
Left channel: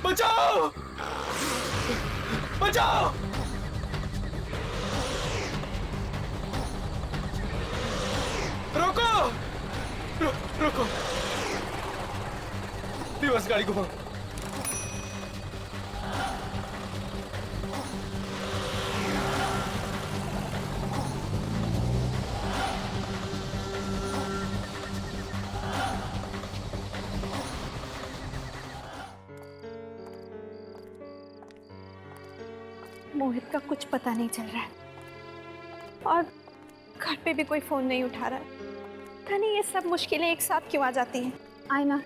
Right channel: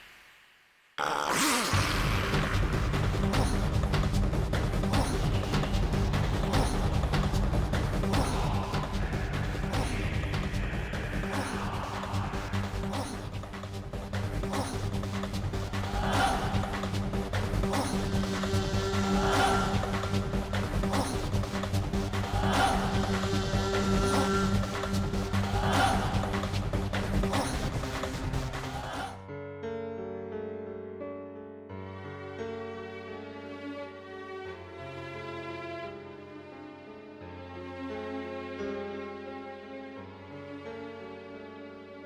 बचाओ! बचाओ! रोको! रोको! रिवर्स गाड़ी को पकड़ो। मोहित का कुछ पता नहीं चल रहा है और घर पे भी कोई फोन नहीं उठा रहा। पता नहीं ये सब मुश्किलें एक साथ क्यों आ जाती हैं। आयना,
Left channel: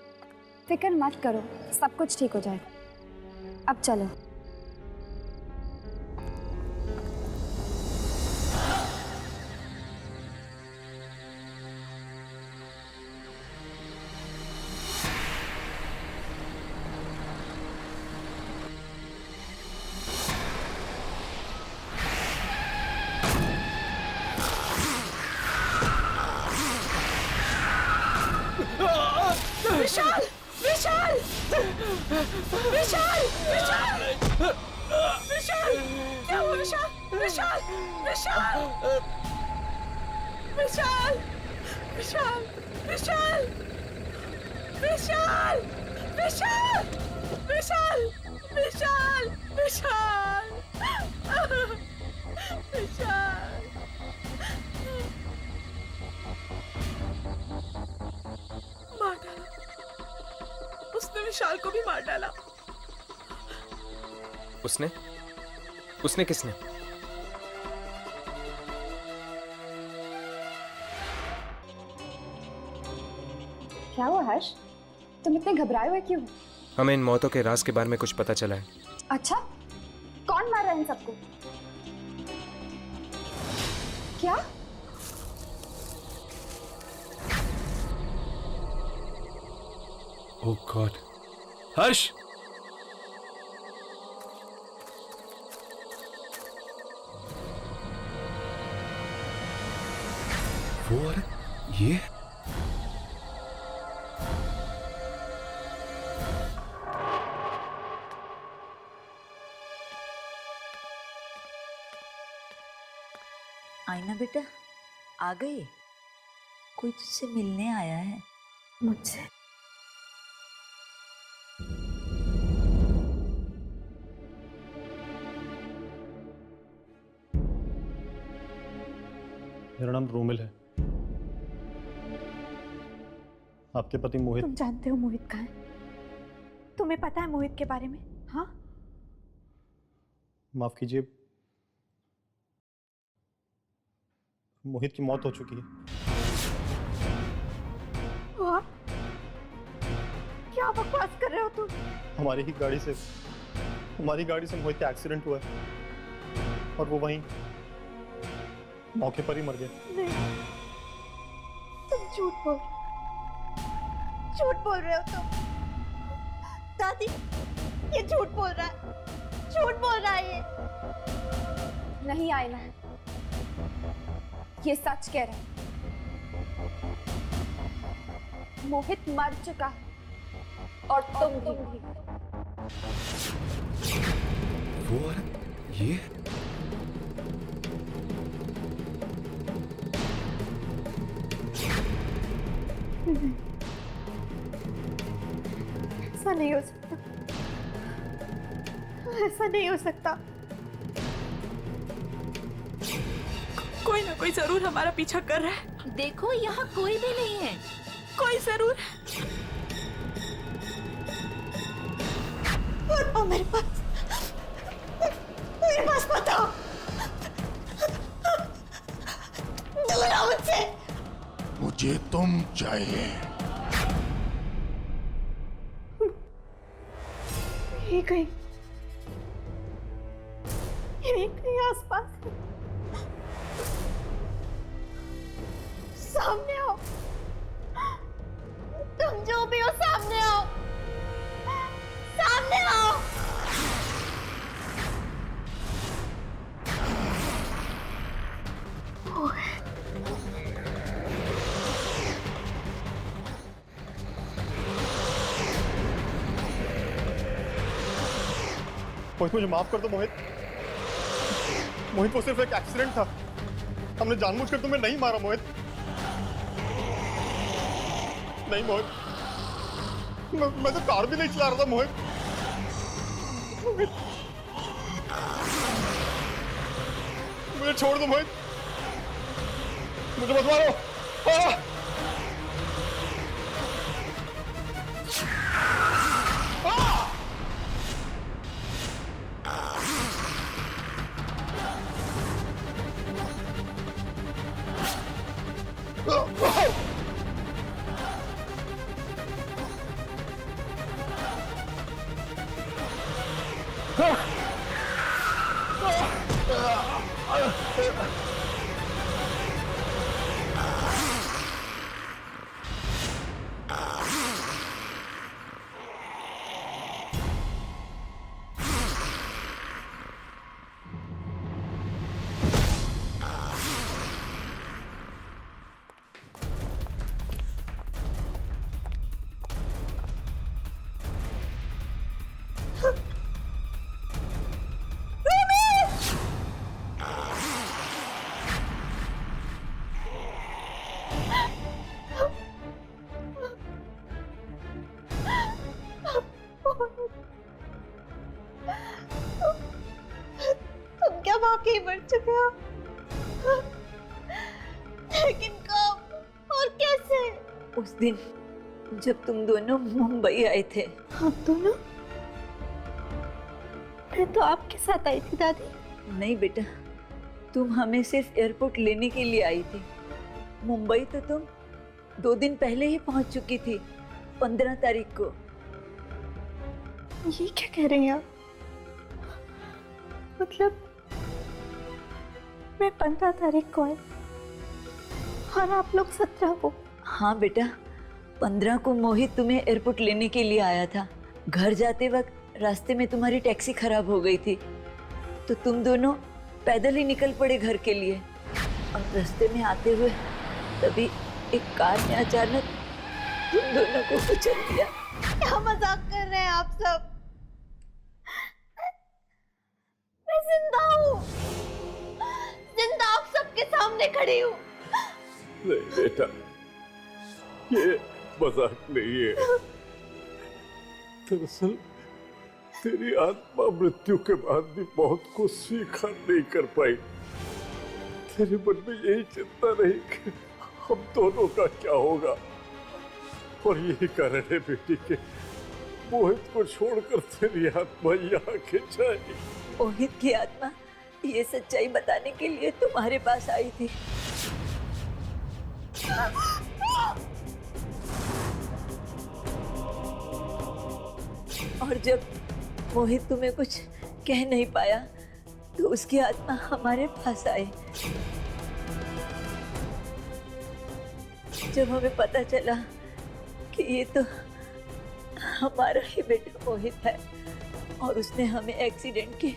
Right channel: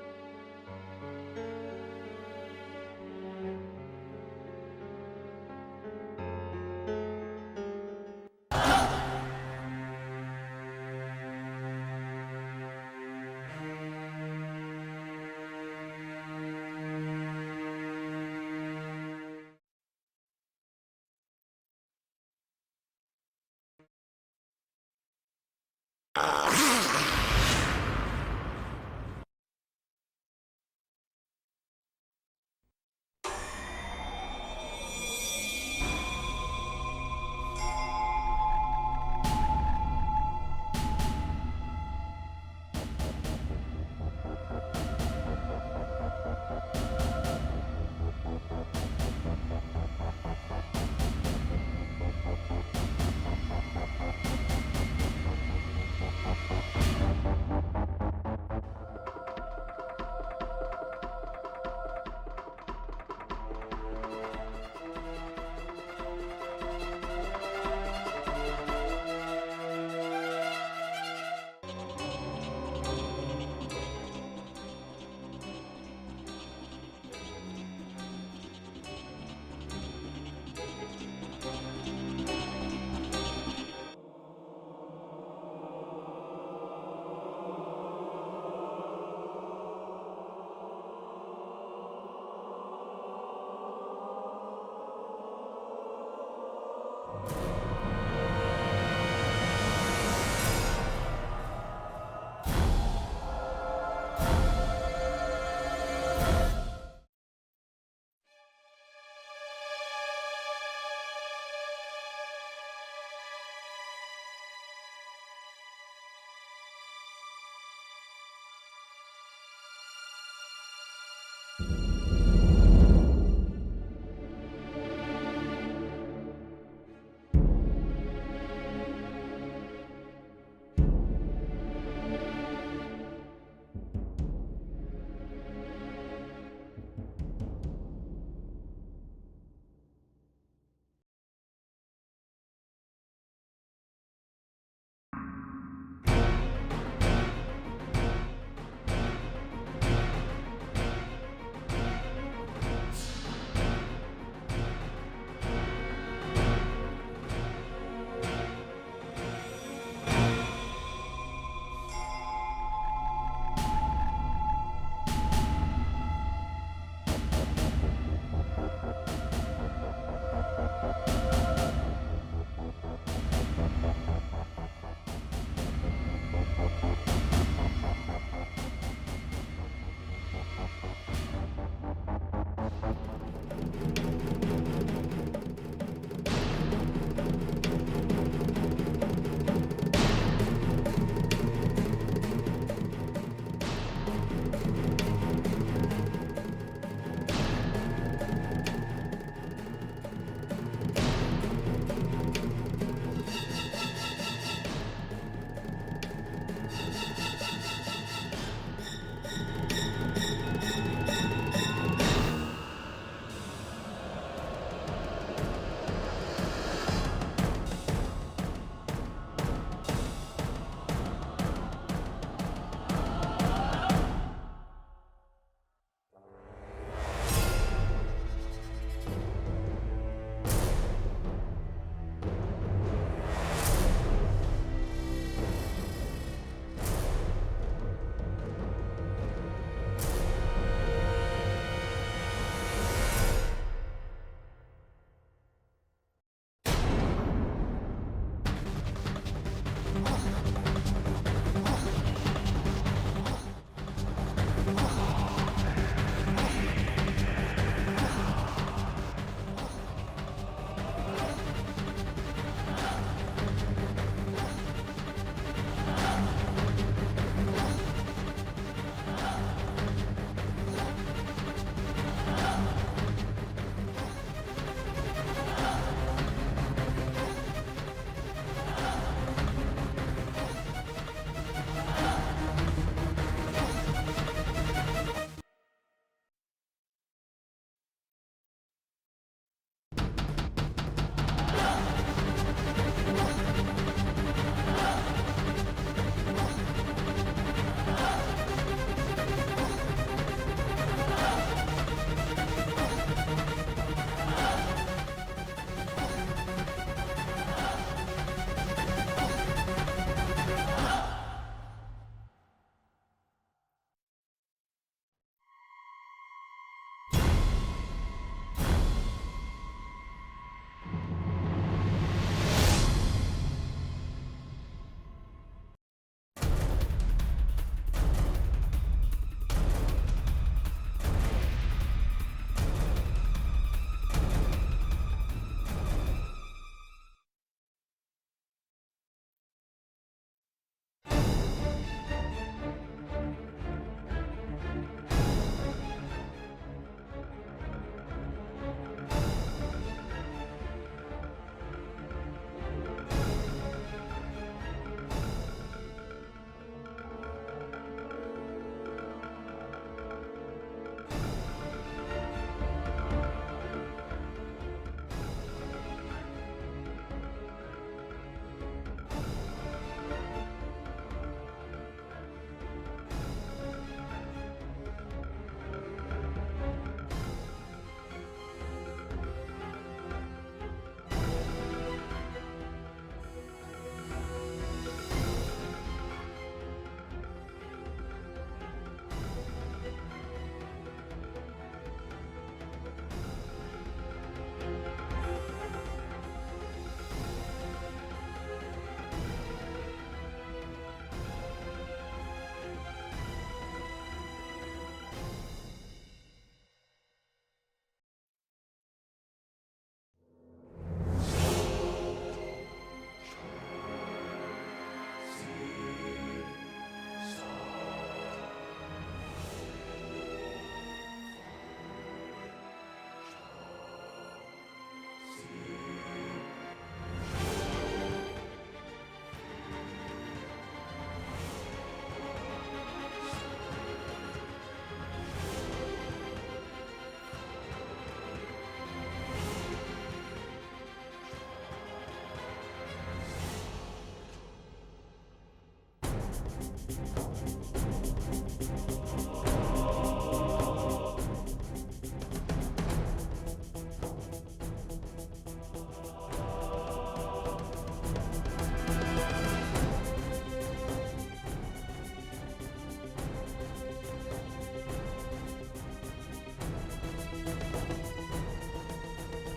फिक्र मत करो, सब कुछ ठीक हो जाएगा। अब चलो। विशाल! विशाल! विशाल! विशाल! विशाल! क्या हुआ विशाल? विशाल! विशाल! विशाल! विशाल! विशाल! विशाल! विशाल! विशाल! विशाल! विशाल! उसने विशाल को भी मार डाला। उसने? उसने किसने? क्या हुआ हर्ष? तुम इतने घबराए हुए क्यों? हमें इन मौतों के राज के बारे में कुछ पता चला है। अच्छा, कौन मार रहा है इन सबको? क्या? ओह गॉड! हर्ष! ये? आईना बेटा, आ गई? कोई तुझसे मिलने आया है? मुझसे? मेरा नाम रोमिल है। आपके पति मोहित। तुम जानते हो मोहित कहाँ है? तुम्हें पता है मोहित के बारे में? हाँ? माफ कीजिए, मोहित की मौत हो चुकी है। आप? क्या बकवास कर रहे हो तुम? हमारी गाड़ी से मोहित का एक्सीडेंट हुआ है और वो वहीं मौके पर ही मर गए। तुम झूठ बोल रहे हो तुम। दादी, ये झूठ बोल रहा है ये। नहीं आयना, ये सच कह रहा है। मोहित मर चुका और तुम भी। ये? ऐसा नहीं हो सकता। ऐसा नहीं हो सकता। कोई जरूर हमारा पीछा कर रहा है। देखो यहाँ कोई भी नहीं है। कोई जरूर। बताओ मेरे पास बताओ। दूर मुझसे। मुझे तुम चाहिए। ये कहीं आसपास। सामने आओ। तुम जो भी हो सामने आओ। सामने आओ। मोहित मुझे माफ कर दो मोहित। मोहित वो सिर्फ एक एक्सीडेंट था। हमने जानबूझकर तुम्हें नहीं मारा मोहित। नहीं मोहित, मैं तो कार भी नहीं चला रहा था मोहित। मुझे छोड़ दो मोहित, मुझे मत मारो। तुम क्या वाकई मर चुके हो? लेकिन कब और कैसे? उस दिन जब तुम दोनों मुंबई आए थे। हम दोनों? मैं तो आपके साथ आई थी दादी। नहीं बेटा, तुम हमें सिर्फ एयरपोर्ट लेने के लिए आई थी। मुंबई तो तुम 2 दिन पहले ही पहुंच चुकी थी, 15 तारीख को। ये क्या कह रही हैं आप? मतलब मैं 15 तारीख को आई और आप लोग 17 को? हाँ बेटा, 15 को मोहित तुम्हें एयरपोर्ट लेने के लिए आया था। घर जाते वक्त रास्ते में तुम्हारी टैक्सी खराब हो गई थी, तो तुम दोनों पैदल ही निकल पड़े घर के लिए। और रास्ते में आते हुए तभी एक कार ने अचानक तुम दोनों को कुचल दिया। क्या मजाक कर रहे हैं आप सब? मैं जिंदा हूँ, जिंदा आप सबके सामने खड़ी हूँ। नहीं बेटा, ये मजाक नहीं है। दरअसल तेरी आत्मा मृत्यु के बाद भी बहुत कुछ स्वीकार नहीं कर पाई। तेरे मन में यही चिंता रही कि हम दोनों का क्या होगा, और यही कारण है बेटी के मोहित को छोड़कर तेरी आत्मा यहाँ खिंच आई। मोहित की आत्मा ये सच्चाई बताने के लिए तुम्हारे पास आई थी। और जब मोहित तुम्हें कुछ कह नहीं पाया तो उसकी आत्मा हमारे पास आई। जब हमें पता चला कि ये तो हमारा ही बेटा मोहित है और उसने हमें एक्सीडेंट की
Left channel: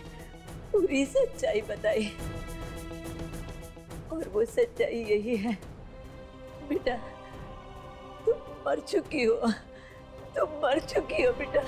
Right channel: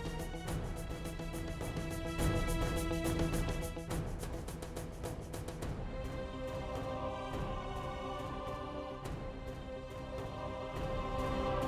पूरी सच्चाई बताई, और वो सच्चाई यही है बेटा, तुम मर चुकी हो, तुम मर चुकी हो बेटा।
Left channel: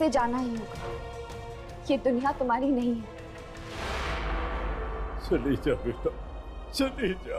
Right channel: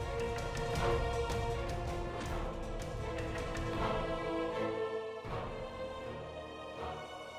से जाना ही है। ये दुनिया तुम्हारी नहीं है। चली जा बेटा, चली जा।